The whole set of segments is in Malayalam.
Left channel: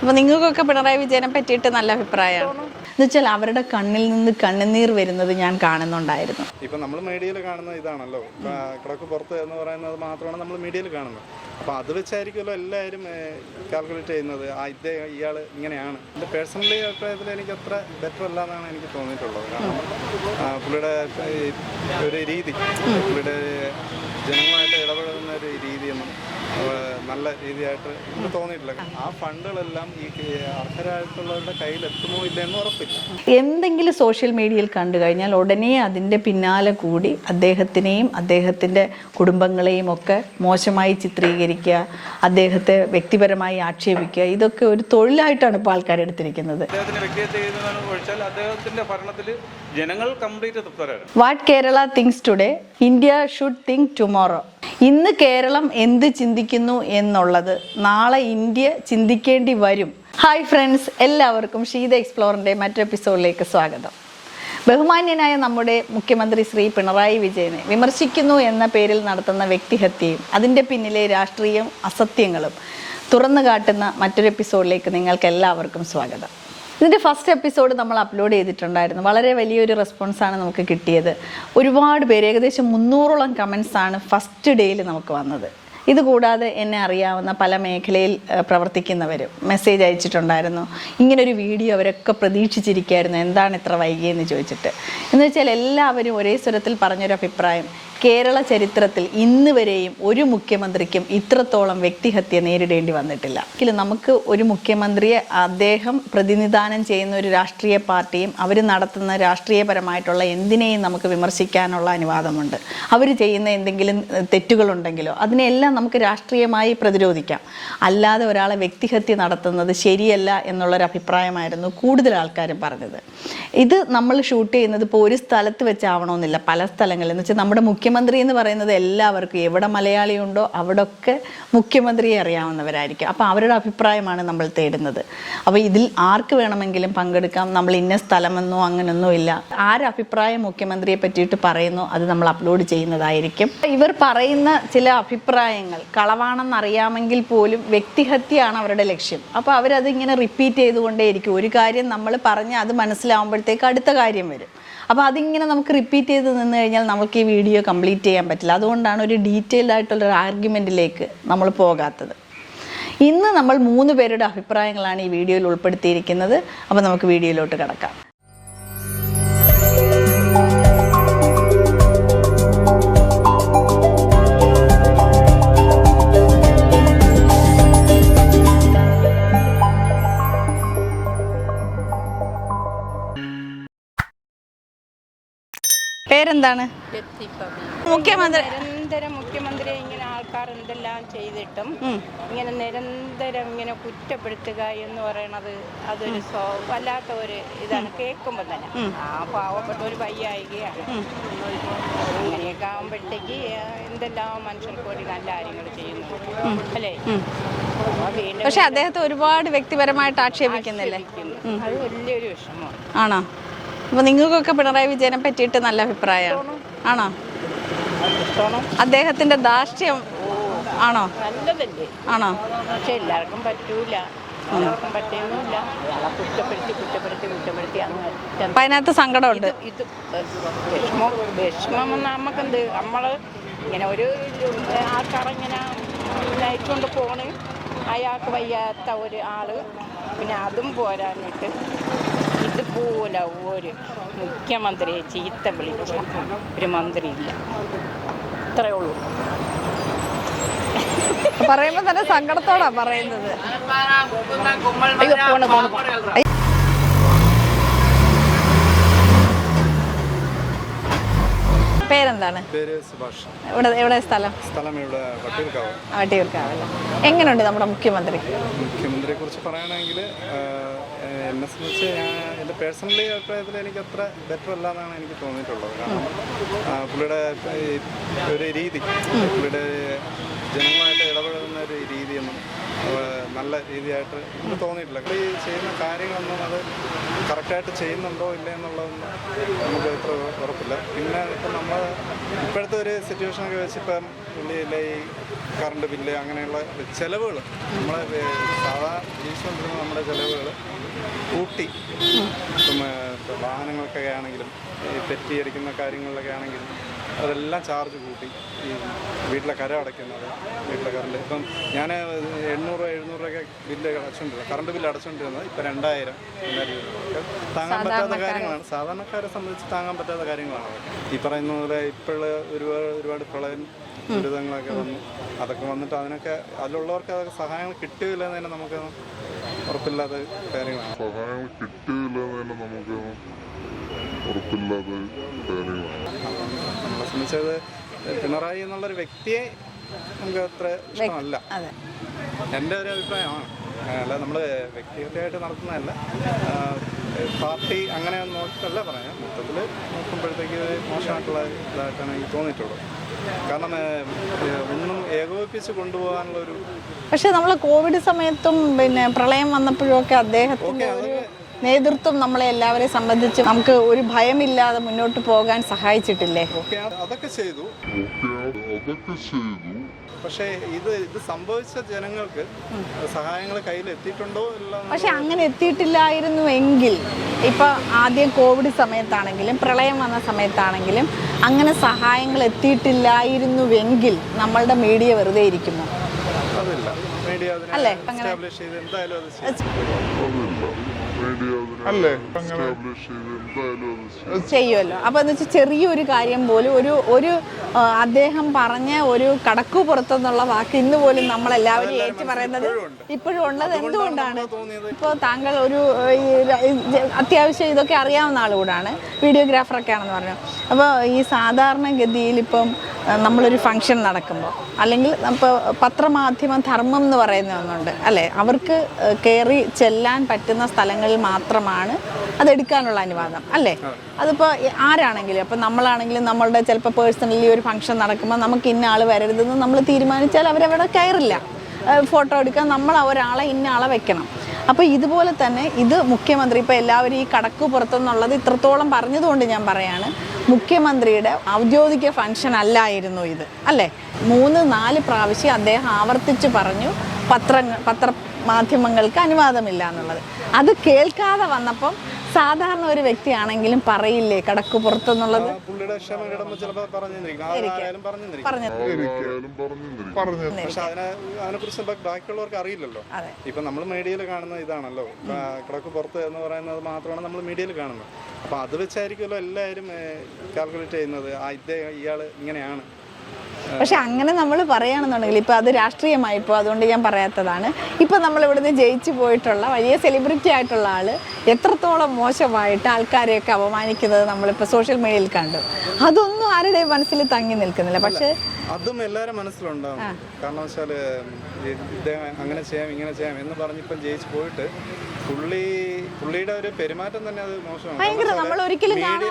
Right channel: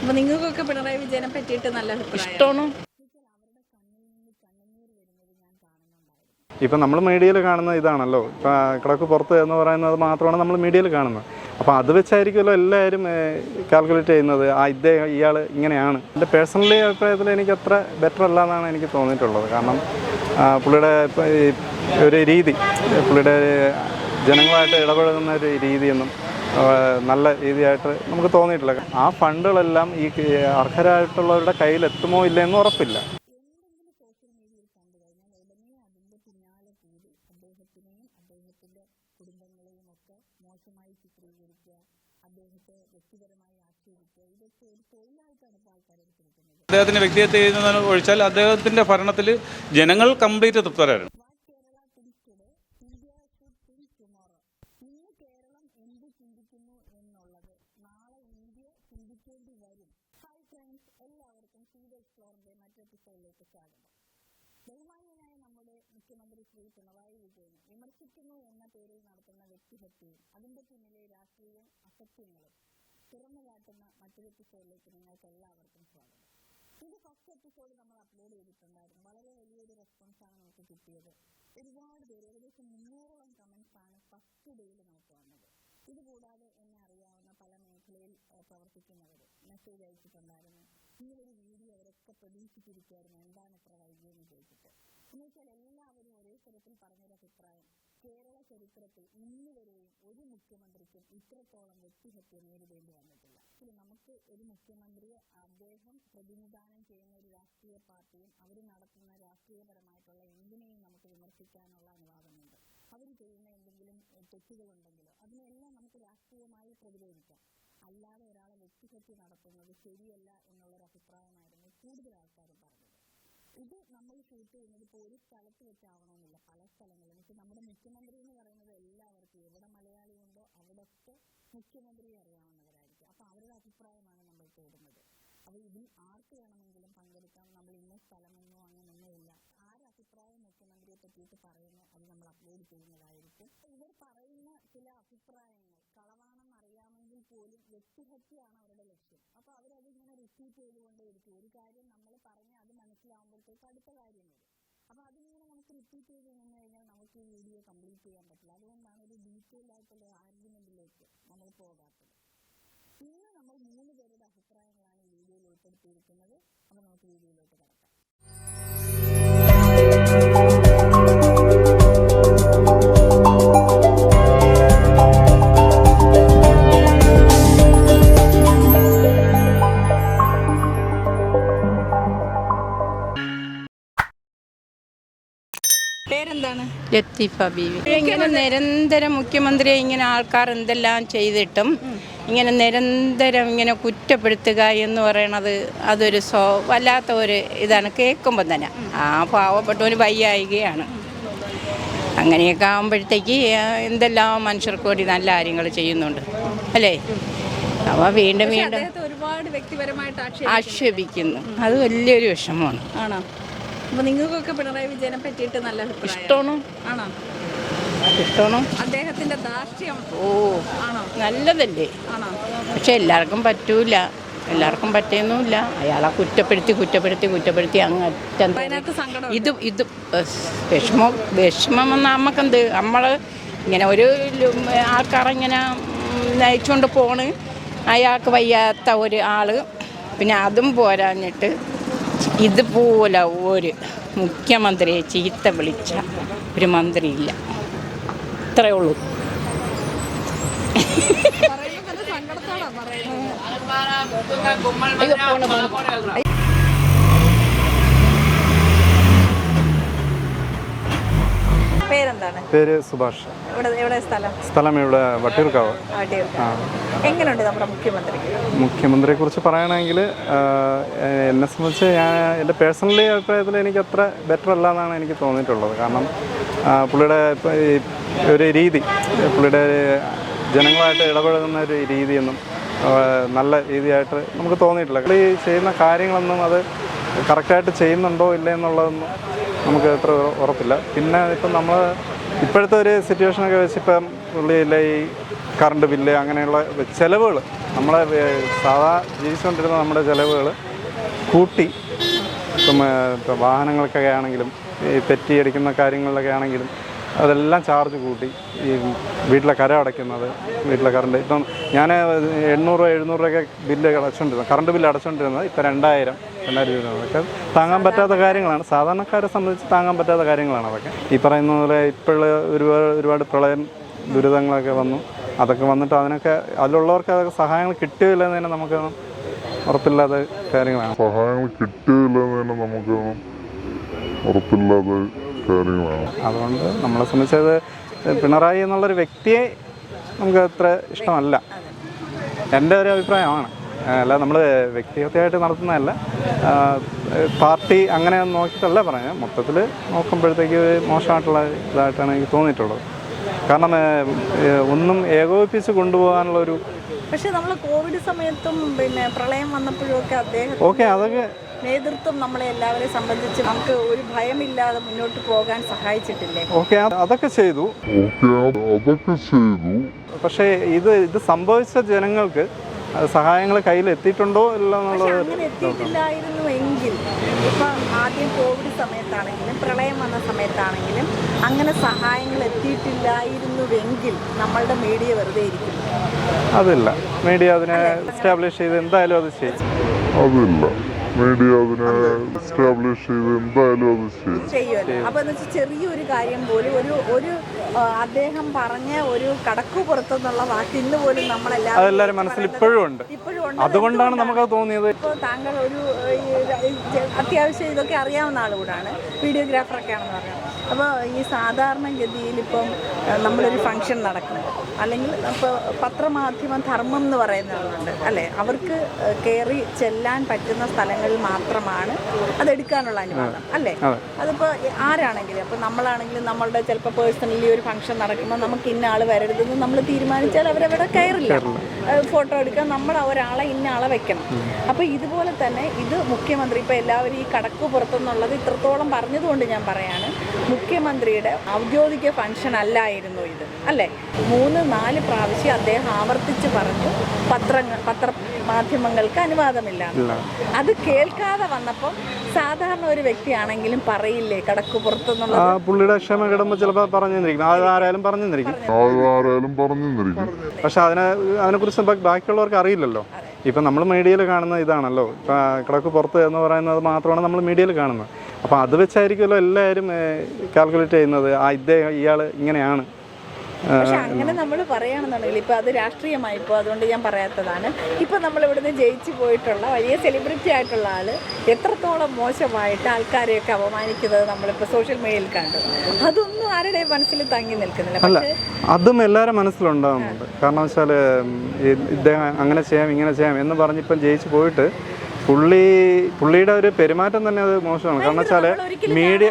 അപ്പൊ നിങ്ങൾക്കൊക്കെ പിണറായി വിജയനെ പറ്റിയിട്ട് നല്ല അഭിപ്രായമാണ് എന്ന് വെച്ചാൽ അവരുടെ കണ്ണിൽ നിന്ന് കണ്ണുനീർ വരുന്നത് ഞാൻ കാണുന്നുണ്ടായിരുന്നു. ഇപ്പൊ നമ്മൾ മീഡിയയിൽ കാണുന്ന ഇതാണല്ലോ. കിടക്ക് പുറത്ത് എന്ന് പറയുന്നത് മാത്രമാണ് നമ്മൾ മീഡിയയിൽ കാണുന്നത്. അപ്പോൾ അത് വെച്ചായിരിക്കുമല്ലോ എല്ലാവരും കാൽക്കുലേറ്റ് ചെയ്യുന്നത്. ആ ഇതേ ഇയാൾ ഇങ്ങനെയാണ്. എന്റെ പേഴ്സണലി അഭിപ്രായത്തിൽ എനിക്ക് അത്ര ബെറ്റർ അല്ല എന്നാണ് എനിക്ക് തോന്നിയിട്ടുള്ളത്. കാരണം പുള്ളിയുടെ ഒരു രീതി പുള്ളിയുടെ ജനങ്ങളായിട്ട് ഇടപഴകുന്ന ഒരു രീതിയൊന്നും നല്ല രീതിയായിട്ട് നമുക്ക് തോന്നിയിട്ടില്ല. ആ ഫണ്ടുകളെല്ലാം ഈ അർഹരായിട്ടുള്ളവരുടെ കയ്യിൽ എത്തുമോ ഇല്ലെന്ന് ഉറപ്പില്ല. എന്തെങ്കിലും സോഷ്യൽ മീഡിയയിൽ കണ്ടു കഴിഞ്ഞാൽ ഉടനെ അതിന്റെ പിന്നാലെ കൂടി അദ്ദേഹത്തിനെയും അദ്ദേഹത്തിന്റെ കുടുംബങ്ങളെയും ഒക്കെ മോശമായി ചിത്രീകരിക്കുക അദ്ദേഹത്തെ വ്യക്തിപരമായി ആക്ഷേപിക്കുക ഇതൊക്കെ ഒരു തൊഴിലായിട്ടാണ് ഇപ്പോൾ ആൾക്കാർ എടുത്തിരിക്കുന്നത്. അദ്ദേഹത്തിന്റെ ഒഴിച്ചാൽ അദ്ദേഹത്തിന്റെ ഭരണത്തിൽ ജനങ്ങൾ complete തൃപ്തരായിരുന്നു what Kerala thinks today India should think tomorrow. ഇന്ന് കേരളം എന്ത് ചിന്തിക്കുന്നു എന്നുള്ളത് നാളെ ഇന്ത്യ ചിന്തിക്കേണ്ടി വരും. ഹായ് ഫ്രണ്ട്സ് എല്ലാവർക്കും ഷീത എക്സ്പ്ലോറിന്റെ മറ്റൊരു എപ്പിസോഡിലേക്ക് സ്വാഗതം. ബഹുമാന്യനായ നമ്മുടെ മുഖ്യമന്ത്രി ശ്രീ പിണറായി വിജയനെ വിമർശിക്കുന്നു എന്ന പേരിൽ നടത്തുന്ന വ്യക്തിഹത്യയും അതിന്റെ പിന്നിലെ രാഷ്ട്രീയം അസത്യങ്ങളും തുറന്നു കാട്ടുന്ന മറ്റൊരു എപ്പിസോഡിലേക്ക് നിങ്ങൾക്ക് എല്ലാവർക്കും സ്വാഗതം. ഇതിന്റെ ഫസ്റ്റ് എപ്പിസോഡ് നമ്മൾ അപ്ലോഡ് ചെയ്തിട്ടുണ്ടായിരുന്നു. വളരെ വലിയൊരു റെസ്പോൺസാണ് നമുക്ക് കിട്ടിയത്. ഒരുപാട് പേര് ഏകദേശം മുന്നൂറോളം കമൻസാണ് ഫസ്റ്റ് ഡേയിൽ നമുക്ക് വന്നത്. ഇതുകൂടാതെ എന്നെ അറിയാവുന്ന പല മേഖലയിൽ പ്രവർത്തിക്കുന്നവർ മെസ്സേജ് അയച്ചിട്ടുണ്ടായിരുന്നു. ഇങ്ങനൊരു വീഡിയോ അവരൊക്കെ പ്രതീക്ഷിച്ചിരിക്കുകയായിരുന്നു എന്താണ് ഇത്ര വൈകിയെന്ന് ചോദിച്ചിട്ട്. എന്ന് വെച്ചാൽ എല്ലാവരും ഒരേ സ്വരത്തിൽ പറഞ്ഞൊരു അഭിപ്രായം കേരള ചരിത്രത്തിൽ ഇന്ന് വരെയും ഒരു മുഖ്യമന്ത്രിക്കും ഇത്രത്തോളം വ്യക്തിഹത്യ നേരിടേണ്ടി വന്നിട്ടില്ല. എങ്കിലും നമുക്ക് ഒരു മുഖ്യമന്ത്രിയെ അദ്ദേഹം പ്രതിനിധാനം ചെയ്യുന്ന ഒരു രാഷ്ട്രീയ പാർട്ടിയും അവർ നടത്തുന്ന രാഷ്ട്രീയപരമായിട്ടുള്ള എന്തിനേയും നമുക്ക് വിമർശിക്കാനുള്ള അനുവാദമുണ്ട്. അവർ ചെയ്യുന്ന എന്തെങ്കിലും തെറ്റുകളുണ്ടെങ്കിലോ അതിനെല്ലാം നമുക്ക് രാഷ്ട്രീയമായി പ്രതിരോധിക്കാം. അല്ലാതെ ഒരാളെ വ്യക്തിഹത്യ നടത്തുന്നത് ശരിയല്ല എന്നുള്ളൊരു അഭിപ്രായമായിരുന്നു കൂടുതൽ ആൾക്കാരും പറഞ്ഞത്. ഇത് നമ്മൾ ഷൂട്ട് ചെയ്യുന്നത് ഇപ്പോൾ ഒരു സ്ഥലത്ത് വെച്ചാവണമെന്നില്ല. പല സ്ഥലങ്ങളിൽ എന്ന് വെച്ചാൽ നമ്മുടെ മുഖ്യമന്ത്രി എന്ന് പറയുന്നത് എല്ലാവർക്കും എവിടെ മലയാളിയുണ്ടോ ഉണ്ടോ അവിടെയൊക്കെ മുഖ്യമന്ത്രിയെ അറിയാവുന്നവരായിരിക്കും. അപ്പോൾ അവരുടെ അഭിപ്രായമാണ് നമ്മൾ തേടുന്നത്. അപ്പോൾ ഇതിൽ ആർക്ക് വേണമെങ്കിലും പങ്കെടുക്കാം? നമ്മൾ ഇന്ന സ്ഥലമെന്നോ അങ്ങനെയൊന്നും ഇല്ല. ആരഭിപ്രായം മുഖ്യമന്ത്രിയെ പറ്റിയിട്ട് പറയുന്നു അത് നമ്മൾ അപ്ലോഡ് ചെയ്യുന്നതായിരിക്കും. ഇവർ പറയുന്ന ചില അഭിപ്രായങ്ങൾ കളവാണെന്ന് അറിയാമെങ്കിൽ പോലും വ്യക്തിഹത്യയാണ് അവരുടെ ലക്ഷ്യം. അപ്പോൾ അവരതിങ്ങനെ റിപ്പീറ്റ് ചെയ്തുകൊണ്ടേയിരിക്കും. ഒരു കാര്യം നമ്മൾ പറഞ്ഞ് അത് മനസ്സിലാവുമ്പോഴത്തേക്ക് അടുത്ത കാര്യം വരും. അപ്പോൾ അതിങ്ങനെ നമുക്ക് റിപ്പീറ്റ് ചെയ്ത് നിന്ന് കഴിഞ്ഞാൽ നമുക്ക് ഈ വീഡിയോ കംപ്ലീറ്റ് ചെയ്യാൻ പറ്റില്ല. അതുകൊണ്ടാണ് ഒരു ഡീറ്റെയിൽഡ് ആയിട്ടുള്ള ഒരു ആർഗ്യുമെന്റിലേക്ക് നമ്മൾ പോകാത്തത്. ഇന്ന് നമ്മൾ മൂന്ന് പേരുടെ അഭിപ്രായങ്ങളാണ് ഈ വീഡിയോയിൽ ഉൾപ്പെടുത്തിയിരിക്കുന്നത്. അപ്പോൾ നമുക്ക് വീഡിയോയിലോട്ട് കിടക്കാം. ലത്തീഫ ബീവി. നിരന്തരം മുഖ്യമന്ത്രിയെ ഇങ്ങനെ ആൾക്കാർ എന്തെല്ലാം ചെയ്തിട്ടും ഇങ്ങനെ നിരന്തരം ഇങ്ങനെ കുറ്റപ്പെടുത്തുക എന്ന് പറയണത് അതൊരു സ്വ വല്ലാത്ത ഒരു ഇതാണ്. കേൾക്കുമ്പോൾ തന്നെ. ആ പാവപ്പെട്ടവന് വയ്യായികയാണ്. അങ്ങനെയൊക്കെ ആകുമ്പോഴത്തേക്ക് എന്തെല്ലാം മനുഷ്യർക്ക് വേണ്ടി നല്ല കാര്യങ്ങൾ ചെയ്യുന്നുണ്ട്. അല്ലേ? അപ്പോൾ വീണ്ടും അദ്ദേഹത്തെ ഒരുപാട് വ്യക്തിപരമായിട്ട് ആക്ഷേപിക്കുന്നു. അത് വലിയൊരു വിഷമമാണ്. ആണോ? അപ്പൊ നിങ്ങൾക്കൊക്കെ പിണറായി വിജയനെ പറ്റിയിട്ട് നല്ല അഭിപ്രായം. ആണോ? അദ്ദേഹത്തിന്റെ ദാർഷ്ട്യം ഓ ആണോ? നല്ലതല്ലേ. ആണോ? പക്ഷെ എല്ലാവർക്കും പറ്റൂല. എല്ലാവർക്കും പറ്റിയൊന്നുമില്ല അയാളെ കുറ്റപ്പെടുത്തി കുറ്റപ്പെടുത്തി കുറ്റപ്പെടുത്തി അങ്ങ് അതിനകത്ത് സങ്കടം ഇത് ഇത് വിഷമം വിഷമം നമുക്കെന്ത് നമ്മൾ ഇങ്ങനെ ഒരു ആൾക്കാരിങ്ങനെ നയിച്ചുകൊണ്ട് പോണ്. അയാൾക്ക് വയ്യാത്ത ഒരു ആൾ. പിന്നെ അതും പോരാഞ്ഞിട്ട് ഇതുപോലെ ഒരു മുഖ്യമന്ത്രിയെ ചീത്ത വിളിച്ച ഒരു മന്ത്രിയില്ല. ഇത്രയേ ഉള്ളൂ. പറയുമ്പോ തന്നെ സങ്കടത്തോടാ പറയുന്നത്. അയ്യോ പോണ് പോണ് പോണ് പേരെന്താണ് പേര് സുഭാഷ്. സ്ഥലം? ഇവിടെ വട്ടിയൂർക്കാവ്. എങ്ങനെയുണ്ട് നമ്മുടെ മുഖ്യമന്ത്രി? മുഖ്യമന്ത്രിയെ കുറിച്ച് പറയണമെങ്കിൽ എന്നെ സംബന്ധിച്ച് ഞാൻ എന്റെ പേഴ്സണലി അഭിപ്രായത്തിൽ എനിക്ക് അത്ര ബെറ്റർ അല്ല എന്നാണ് എനിക്ക് തോന്നിയിട്ടുള്ളത്. കാരണം പുള്ളിയുടെ ഒരു രീതി പുള്ളിയുടെ ജനങ്ങളായിട്ട് ഇടപഴകുന്ന ഒരു രീതിയൊന്നും നല്ല രീതിയായിട്ട് നമുക്ക് തോന്നിയിട്ടില്ല. പുള്ളി ചെയ്യുന്ന കാര്യങ്ങളൊന്നും അത് കറക്റ്റായിട്ട് ചെയ്യുന്നുണ്ടോ ഇല്ലേ എന്നുള്ളതൊന്നും നമുക്ക് അത്ര ഉറപ്പില്ല. പിന്നെ ഇപ്പം നമ്മൾ ഇപ്പോഴത്തെ ഒരു സിറ്റുവേഷനൊക്കെ വെച്ച് ഇപ്പം പുള്ളിയില്ല ഈ കറണ്ട് ബില്ല് അങ്ങനെയുള്ള ചിലവുകൾ നമ്മളെ സാധാ ജീവിച്ചുകൊണ്ടിരുന്ന നമ്മുടെ ചിലവുകൾ കൂട്ടി ഇപ്പം വാഹനങ്ങൾക്കൊക്കെ ആണെങ്കിലും ഈ തെറ്റിയടിക്കുന്ന കാര്യങ്ങളിലൊക്കെ ആണെങ്കിലും അതെല്ലാം ചാർജ് കൂട്ടി. ഈ വീട്ടിലെ കര അടയ്ക്കുന്നത് വീട്ടിലെ കറണ്ട് ഇപ്പം ഞാൻ എണ്ണൂറ് രൂപ എഴുന്നൂറ് രൂപയൊക്കെ ബില്ല് അടച്ചുകൊണ്ടിരുന്നത് കറണ്ട് ബില്ല് അടച്ചുകൊണ്ടിരുന്നത് ഇപ്പം രണ്ടായിരം രണ്ടായിരം രൂപ. അതൊക്കെ താങ്ങാൻ പറ്റാത്ത കാര്യങ്ങളാണ്. സാധാരണക്കാരെ സംബന്ധിച്ച് താങ്ങാൻ പറ്റാത്ത കാര്യങ്ങളാണ് അതൊക്കെ. ഈ പറയുന്ന പോലെ ഇപ്പോഴുള്ള ഒരുപാട് ഒരുപാട് പ്രളയം ദുരിതങ്ങളൊക്കെ വന്നു. അതൊക്കെ വന്നിട്ട് അതിനൊക്കെ അതിലുള്ളവർക്ക് അതൊക്കെ സഹായങ്ങൾ കിട്ടുകയില്ല എന്ന് തന്നെ നമുക്ക് ഉറപ്പില്ലാത്ത കാര്യങ്ങളാണ്. സഹായങ്ങൾ കിട്ടുകയില്ല എന്ന് തന്നെ നമുക്ക് ഉറപ്പില്ലാത്ത കാര്യങ്ങളാണ് അതുകൊണ്ട് നമ്മളെ സംബന്ധിച്ചത് പിണറായി എന്നുള്ളൊരു വ്യക്തിയെ നമുക്ക് അത്ര ഇഷ്ടമല്ല. എന്റെ ഒരു അഭിപ്രായമാണ്. അല്ല നമ്മൾ വ്യക്തിഗതമായിട്ട് നടത്തുന്നതല്ല. പാർട്ടി അങ്ങനെ നോക്കിയിട്ടല്ല പറയാം. മൊത്തത്തിൽ നോക്കുമ്പോഴത്തേക്ക് മോശമായിട്ടുള്ള ഇതായിട്ടാണ് എനിക്ക് തോന്നിയിട്ടുള്ളത്. കാരണം ഒന്നും ഏകോപിപ്പിച്ച് കൊണ്ടുപോകാനുള്ള ഒരു പക്ഷെ നമ്മൾ കോവിഡ് സമയത്തും പിന്നെ പ്രളയം വന്നപ്പോഴും ഒക്കെ അദ്ദേഹം ഓക്കെ അതൊക്കെ നേതൃത്വം നമ്മളെ എല്ലാവരെ സംബന്ധിച്ച് നമുക്ക് ഒരു ഭയമില്ലാതെ മുന്നോട്ട് പോകാൻ സഹായിച്ചിട്ടില്ലേ? ഓക്കെ അതൊക്കെ ചെയ്തു. ഓക്കെ അതൊക്കെ ചെയ്തു. പക്ഷേ ഇത് ഇത് സംഭവിച്ച ജനങ്ങൾക്ക് സഹായങ്ങൾ കയ്യിൽ എത്തിയിട്ടുണ്ടോ പക്ഷെ അങ്ങനെ എത്തിയിട്ടില്ലായിരുന്നു എങ്കിൽ ഇപ്പൊ ആദ്യം കോവിഡ് സമയത്താണെങ്കിലും പ്രളയം വന്ന സമയത്താണെങ്കിലും അങ്ങനെ സഹായങ്ങൾ എത്തിയിട്ടില്ലായിരുന്നുവെങ്കിൽ നമ്മളുടെ മീഡിയ വെറുതെ ഇരിക്കുന്നു. അതില്ല. മീഡിയ അതിനെ എസ്റ്റാബ്ലിഷ് ചെയ്ത് എന്തായാലും അത് ചെയ്യും. അതില്ല. മീഡിയ അതിനെ എസ്റ്റാബ്ലിഷ് ചെയ്ത് എന്തായാലും അത് ചെയ്യും. ചെയ്യുമല്ലോ. അപ്പൊ എന്ന് വെച്ചാൽ ചെറിയൊരു കാര്യം പോലും ഒരു ഒരു ആ, അദ്ദേഹം പറഞ്ഞ ഒരു കടക്കു പുറത്തെന്നുള്ള വാക്ക് ഇന്ന് പോലും നമ്മളെല്ലാവരും അതെല്ലാവരും ഏറ്റു മനസ്സിൽ ഇപ്പോഴും ഉണ്ട്. ഇപ്പോഴും ഉണ്ട്. അതുകൊണ്ടാണ് നമുക്ക് തോന്നിയത്? ഇപ്പോൾ താങ്കൾ ഒരു ഏഹ്, ഈ ര- ഈ ജ- അത്യാവശ്യം ഇതൊക്കെ അറിയാവുന്ന ആളുകൂടാണ് വീഡിയോഗ്രാഫറൊക്കെ ആണെന്ന് പറഞ്ഞു. അപ്പോൾ ഈ സാധാരണഗതിയിൽ ഇപ്പം ഏഹ്, നമ്മളൊരു ഫംഗ്ഷൻ നടക്കുമ്പോൾ അല്ലെങ്കിൽ ഇപ്പോൾ പത്രമാധ്യമ ധർമ്മം എന്ന് പറയുന്ന ഒന്നുണ്ട് അല്ലേ? അവർക്ക് ഏഹ്, കയറി ചെല്ലാൻ പറ്റുന്ന സ്ഥലങ്ങളിൽ മാത്രമാണ് അതെടുക്കാനുള്ള അനുവാദം അല്ലേ? അതിപ്പോ ആരാണെങ്കിലും അപ്പം നമ്മളാണെങ്കിലും നമ്മളുടെ ചിലപ്പോൾ പേഴ്സണൽ ഈ ഒരു ഫംഗ്ഷൻ നടക്കുമ്പോൾ നമുക്ക് ഇന്ന ആൾ വരരുതെന്ന് നമ്മൾ തീരുമാനിച്ചാൽ അവരവിടെ കയറില്ല. ഫോട്ടോ എടുക്കാൻ നമ്മൾ ഒരാളെ ഇന്ന ആളെ വെക്കണം. അപ്പോൾ ഇതുപോലെ തന്നെ ഇത് മുഖ്യമന്ത്രി ഇപ്പോൾ എല്ലാവരും ഈ കടക്ക് പുറത്തുനിന്നുള്ളത് ഇത്രത്തോളം പറഞ്ഞതുകൊണ്ട് ഞാൻ പറയാണ്. മുഖ്യമന്ത്രിയുടെ ഔദ്യോഗിക ഫംഗ്ഷൻ അല്ലായിരുന്നു ഇത് അല്ലേ? മൂന്ന് നാല് പ്രാവശ്യം അദ്ദേഹം ആവർത്തിച്ച് പറഞ്ഞു പത്രങ്ങൾ പത്ര മാധ്യമങ്ങൾക്ക് അനുവാദമില്ല എന്നുള്ളത്. അത് കേൾക്കാതെ വന്നപ്പം സാധാരണ ഒരു വ്യക്തിയാണെങ്കിലും പറയില്ലേ കടക്ക് പുറത്തെന്നുള്ളത്? ആ പുള്ളിയുടെ ക്ഷമ കിടമ്പോ ആരായാലും പറഞ്ഞിരിക്കും പക്ഷെ അതിനെ അതിനെ കുറിച്ച് ബാക്കിയുള്ളവർക്ക് അറിയില്ലല്ലോ. ഇപ്പൊ നമ്മൾ മീഡിയയിൽ കാണുന്ന ഇതാണല്ലോ. കടക്ക് പുറത്ത് എന്ന് പറയുന്നത് മാത്രമാണ് നമ്മൾ മീഡിയയിൽ കാണുന്നത്. അപ്പം അത് വെച്ചായിരിക്കുമല്ലോ എല്ലാവരും കാൽക്കുലേറ്റ് ചെയ്യുന്നത്. ആ ഇദ്ദേഹം ഇയാൾ ഇങ്ങനെയാണ്. പക്ഷെ അങ്ങനെ നമ്മൾ പറയുകയാണെന്നുണ്ടെങ്കിൽ ഇപ്പൊ അത് രാഷ്ട്രീയമായിപ്പോ അതുകൊണ്ട് ഞാൻ പറയാത്തതാണ്. ഇപ്പൊ നമ്മൾ ഇവിടുന്ന് ജയിച്ചു പോയിട്ടുള്ള വലിയ സെലിബ്രിറ്റി ആയിട്ടുള്ള ആൾ എത്രത്തോളം മോശമായിട്ട് ആൾക്കാരെയൊക്കെ അപമാനിക്കുന്നത് നമ്മളിപ്പോ സോഷ്യൽ മീഡിയയിൽ കണ്ടു. അതൊന്നും ആരുടെ മനസ്സിൽ തങ്ങി നിൽക്കുന്നില്ല. പക്ഷേ അതും എല്ലാവരും മനസ്സിലുണ്ടാവുന്നുണ്ട്. കാരണം വെച്ചാൽ ഇദ്ദേഹം അങ്ങനെ ചെയ്യാം ഇങ്ങനെ ചെയ്യാം എന്ന് പറഞ്ഞിപ്പം ജയിച്ചു പോയിട്ട് പുള്ളി പുള്ളിയുടെ ഒരു പെരുമാറ്റം തന്നെ അത് മോശമാണ്. കാരണം വെച്ചാൽ ഒരിക്കലും മീഡിയ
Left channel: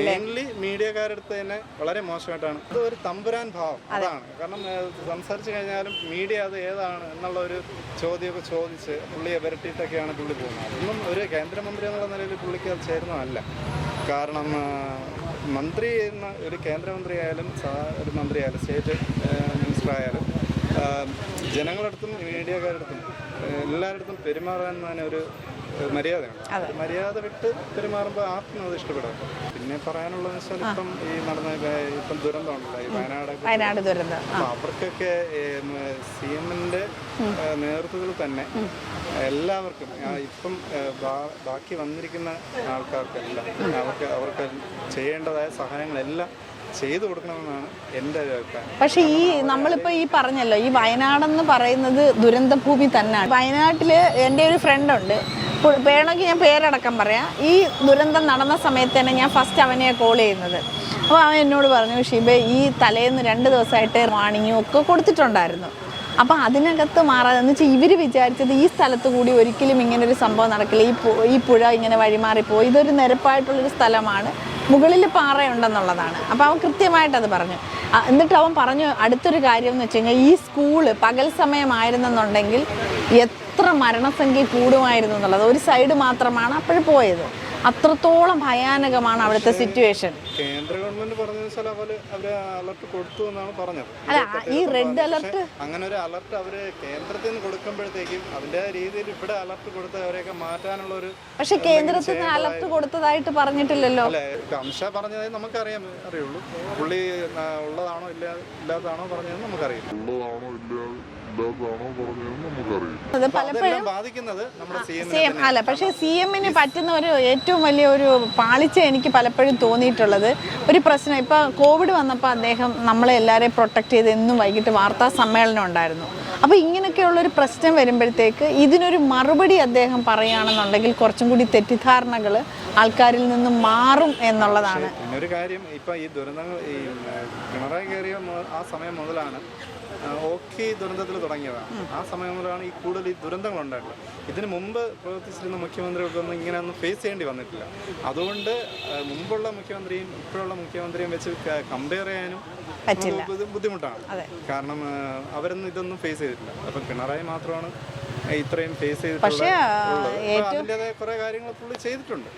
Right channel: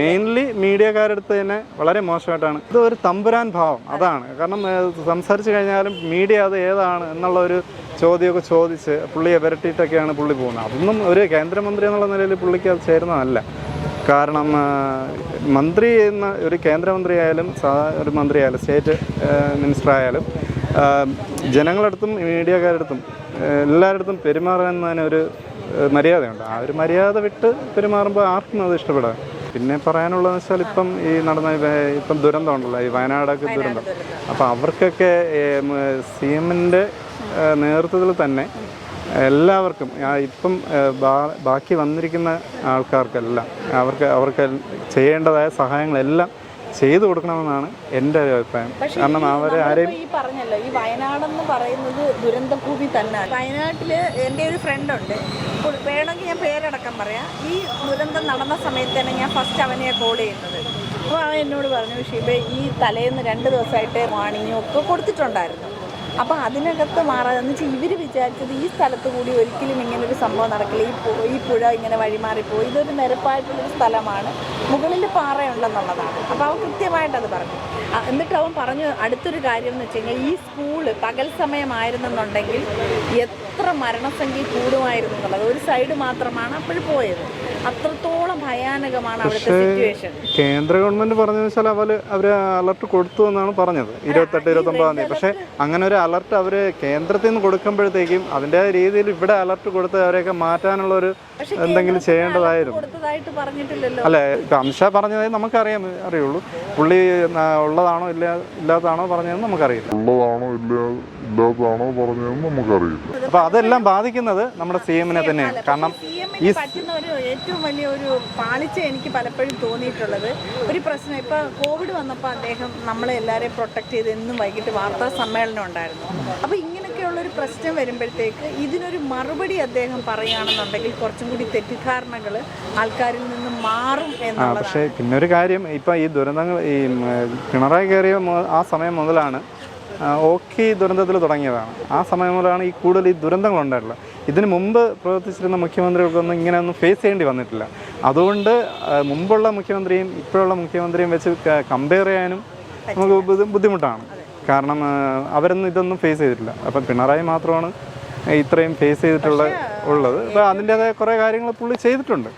മെയിൻലി മീഡിയക്കാരടുത്ത് തന്നെ വളരെ മോശമായിട്ടാണ്. ഇത് ഒരു തമ്പുരാൻ ഭാവം. അതാണ്. കാരണം സംസാരിച്ചു കഴിഞ്ഞാലും മീഡിയ അത് ഏതാണ് എന്നുള്ള ഒരു ചോദ്യമൊക്കെ ചോദിച്ച് പുള്ളിയെ വിരട്ടിയിട്ടൊക്കെയാണ് പുള്ളി പോകുന്നത്. അതൊന്നും ഒരു കേന്ദ്രമന്ത്രി എന്നുള്ള നിലയിൽ പുള്ളിക്ക് അത് ചേരുന്നതല്ല. കാരണം മന്ത്രി എന്ന ഒരു കേന്ദ്രമന്ത്രി ആയാലും ഒരു മന്ത്രി ആയാലും സ്റ്റേറ്റ് മിനിസ്റ്റർ ആയാലും ജനങ്ങളടുത്തും മീഡിയക്കാരടുത്തും എല്ലാവരടുത്തും പെരുമാറുന്നതിന് ഒരു മര്യാദയുണ്ട്. ആ ഒരു മര്യാദ വിട്ട് പെരുമാറുമ്പോൾ ആർക്കും അത് ഇഷ്ടപ്പെടാം പിന്നെ പറയാനുള്ളതെന്ന് വെച്ചാൽ ഇപ്പം ഈ നടന്ന ഇപ്പം ദുരന്തം ഉണ്ടല്ലോ ഈ വയനാടൊക്കെ ദുരന്തം. അപ്പം അവർക്കൊക്കെ സി എമ്മിന്റെ നേതൃത്വത്തിൽ തന്നെ എല്ലാവർക്കും ഇപ്പം ബാക്കി വന്നിരിക്കുന്ന ആൾക്കാർക്കെല്ലാം അവർക്ക് അവർക്ക് ചെയ്യേണ്ടതായ സഹായങ്ങളെല്ലാം ചെയ്തു കൊടുക്കണമെന്നാണ് എന്റെ ഒരു അഭിപ്രായം. പക്ഷേ ഈ പറഞ്ഞല്ലോ നമ്മളിപ്പോ ഈ പറഞ്ഞല്ലോ ഈ വയനാടെന്ന് പറയുന്നത് ദുരന്തഭൂമി തന്നെയാണ്. വയനാട്ടിൽ എന്റെ ഒരു ഫ്രണ്ട് ഉണ്ട്. വേണമെങ്കിൽ ഞാൻ പേരടക്കം പറയാം. ഈ ദുരന്തം നടന്ന സമയത്ത് തന്നെ ഞാൻ ഫസ്റ്റ് അവനെ കോൾ ചെയ്യുന്നത്. അപ്പോൾ അവൻ എന്നോട് പറഞ്ഞു ഷിബെ ഈ തലേന്ന് രണ്ട് ദിവസമായിട്ട് വാണിങ്ങും ഒക്കെ കൊടുത്തിട്ടുണ്ടായിരുന്നു. അപ്പോൾ അതിനകത്ത് മാറാതെ എന്ന് വെച്ചാൽ ഇവർ വിചാരിച്ചത് ഈ സ്ഥലത്ത് കൂടി ഒരിക്കലും ഇങ്ങനെ ഒരു സംഭവം നടക്കില്ല. ഈ ഈ പുഴ ഇങ്ങനെ വഴിമാറിപ്പോയി. ഇതൊരു നിരപ്പായിട്ടുള്ളൊരു സ്ഥലമാണ്. മുകളിൽ പാറയുണ്ടെന്നുള്ളതാണ്. അപ്പോൾ അവൻ കൃത്യമായിട്ട് അത് പറഞ്ഞു എന്നിട്ട് അവൻ പറഞ്ഞു അടുത്തൊരു കാര്യം എന്ന് വെച്ച് കഴിഞ്ഞാൽ ഈ സ്കൂൾ പകൽ സമയമായിരുന്നെന്നുണ്ടെങ്കിൽ എത്ര മരണസംഖ്യ കൂടുമായിരുന്നു എന്നുള്ളത്. ഒരു സൈഡ് മാത്രമാണ് അപ്പോഴും പോയത്. അത്രത്തോളം ഭയാനകമാണ് അവിടുത്തെ സിറ്റുവേഷൻ കേന്ദ്ര ഗവൺമെന്റ് പറഞ്ഞതെന്ന് വെച്ചാൽ അവർ അവർ അലർട്ട് കൊടുത്തു എന്നാണ് പറഞ്ഞത്. ഇരുപത്തെട്ട് ഇരുപത്തൊമ്പതാം തീയതി. പക്ഷെ അങ്ങനെ ഒരു അലർട്ട് അവർ കേന്ദ്രത്തിൽ നിന്ന് കൊടുക്കുമ്പോഴത്തേക്കും അതിന്റെ രീതിയിൽ ഇവിടെ അലർട്ട് കൊടുത്ത് അവരെയൊക്കെ മാറ്റാനുള്ള ഒരു എന്തെങ്കിലും ചെയ്യേണ്ടതായിരുന്നു. കൊടുത്തതായിട്ട് പറഞ്ഞിട്ടില്ലല്ലോ. അല്ലെ ഇപ്പൊ അംശ പറഞ്ഞതായി നമുക്കറിയാം അറിയുള്ളൂ. പുള്ളി ഉള്ളതാണോ ഇല്ല ഇല്ലാത്തതാണോ പറഞ്ഞതെന്ന് നമുക്കറിയില്ല. ഉള്ളതാണോ ഇല്ല ഇല്ലാത്തതാണോ പറഞ്ഞതെന്ന് നമുക്കറിയില്ല. അപ്പൊ അതെല്ലാം ബാധിക്കുന്നത് നമ്മുടെ സി എമ്മിനെ അല്ല കാരണം സി എമ്മിന് പറ്റുന്ന ഒരു ഏറ്റവും വലിയ ഒരു പാളിച്ച എനിക്ക് പലപ്പോഴും തോന്നിയിട്ടുള്ളത്. ഒരു പ്രശ്നം ഇപ്പൊ കോവിഡ് വന്നപ്പോൾ അദ്ദേഹം നമ്മളെ എല്ലാവരെയും പ്രൊട്ടക്ട് ചെയ്ത് എന്നും വൈകിട്ട് വാർത്താ സമ്മേളനം ഉണ്ടായിരുന്നു. അപ്പൊ ഇങ്ങനെയൊക്കെയുള്ള ഒരു പ്രശ്നം വരുമ്പോഴത്തേക്ക് ഇതിനൊരു മറുപടി അദ്ദേഹം പറയുകയാണെന്നുണ്ടെങ്കിൽ കുറച്ചും കൂടി തെറ്റിദ്ധാരണകൾ ആൾക്കാരിൽ നിന്ന് മാറും പക്ഷേ എന്നുള്ളതാണ്. പിന്നെ ഒരു കാര്യം ഇപ്പൊ ഈ ദുരന്തങ്ങൾ ഈ പിണറായി കയറിയ ആ സമയം മുതലാണ് ഓഖി ദുരന്തത്തിൽ തുടങ്ങിയതാണ്. ആ സമയം മുതലാണ് ഈ കൂടുതൽ ഈ ദുരന്തങ്ങൾ ഉണ്ടായിട്ടുള്ളത്. ഇതിന് മുമ്പ് പ്രവർത്തിച്ചിരുന്ന മുഖ്യമന്ത്രികൾക്കൊന്നും ഇങ്ങനെയൊന്നും ഫേസ് ചെയ്യേണ്ടി വന്നിട്ടില്ല. അതുകൊണ്ട് മുമ്പുള്ള മുഖ്യമന്ത്രിയും ഇപ്പോഴുള്ള മുഖ്യമന്ത്രിയും വെച്ച് കമ്പയർ ചെയ്യാനും നമുക്ക് ബുദ്ധിമുട്ടാണ്. കാരണം അവരൊന്നും ഇതൊന്നും ഫേസ് ചെയ്തിട്ടില്ല. അപ്പം പിണറായി മാത്രമാണ് ഇത്രയും ഫേസ് ചെയ്തിട്ടുള്ള ഉള്ളത്. അപ്പൊ അതിന്റെതായ കുറെ കാര്യങ്ങൾ പുള്ളി ചെയ്തിട്ടുണ്ട്.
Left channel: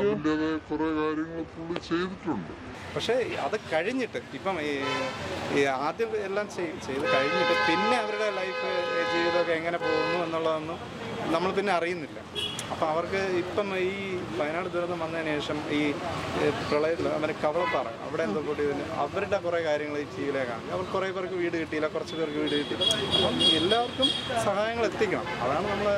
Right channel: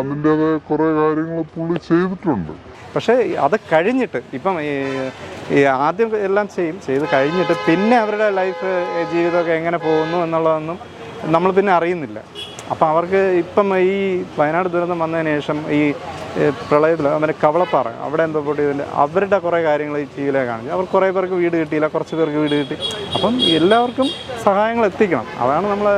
അതിന്റെതായ കുറെ കാര്യങ്ങൾ പുള്ളി ചെയ്തിട്ടുണ്ട്. പക്ഷേ അത് കഴിഞ്ഞിട്ട് ഇപ്പം ഈ ഈ ആദ്യം എല്ലാം ചെയ്യും ചെയ്ത് കഴിഞ്ഞിട്ട് പിന്നെ അവരുടെ ലൈഫ് ജീവിതമൊക്കെ എങ്ങനെ പോകുന്നു എന്നുള്ളതൊന്നും നമ്മൾ പിന്നെ അറിയുന്നില്ല. അപ്പം അവർക്ക് ഇപ്പം ഈ വയനാട് ദുരന്തം വന്നതിന് ശേഷം ഈ പ്രളയത്തിൽ അവരെ കവളപ്പാറ അവിടെ എന്തോ പൊട്ടിയതിന്റെ അവരുടെ കുറേ കാര്യങ്ങൾ ഈ ടി വിയിലെ കാണിച്ചു അവർ കുറേ പേർക്ക് വീട് കിട്ടിയില്ല കുറച്ച് പേർക്ക് വീട് കിട്ടി. അപ്പം എല്ലാവർക്കും സഹായങ്ങൾ എത്തിക്കണം. അതാണ് നമ്മൾ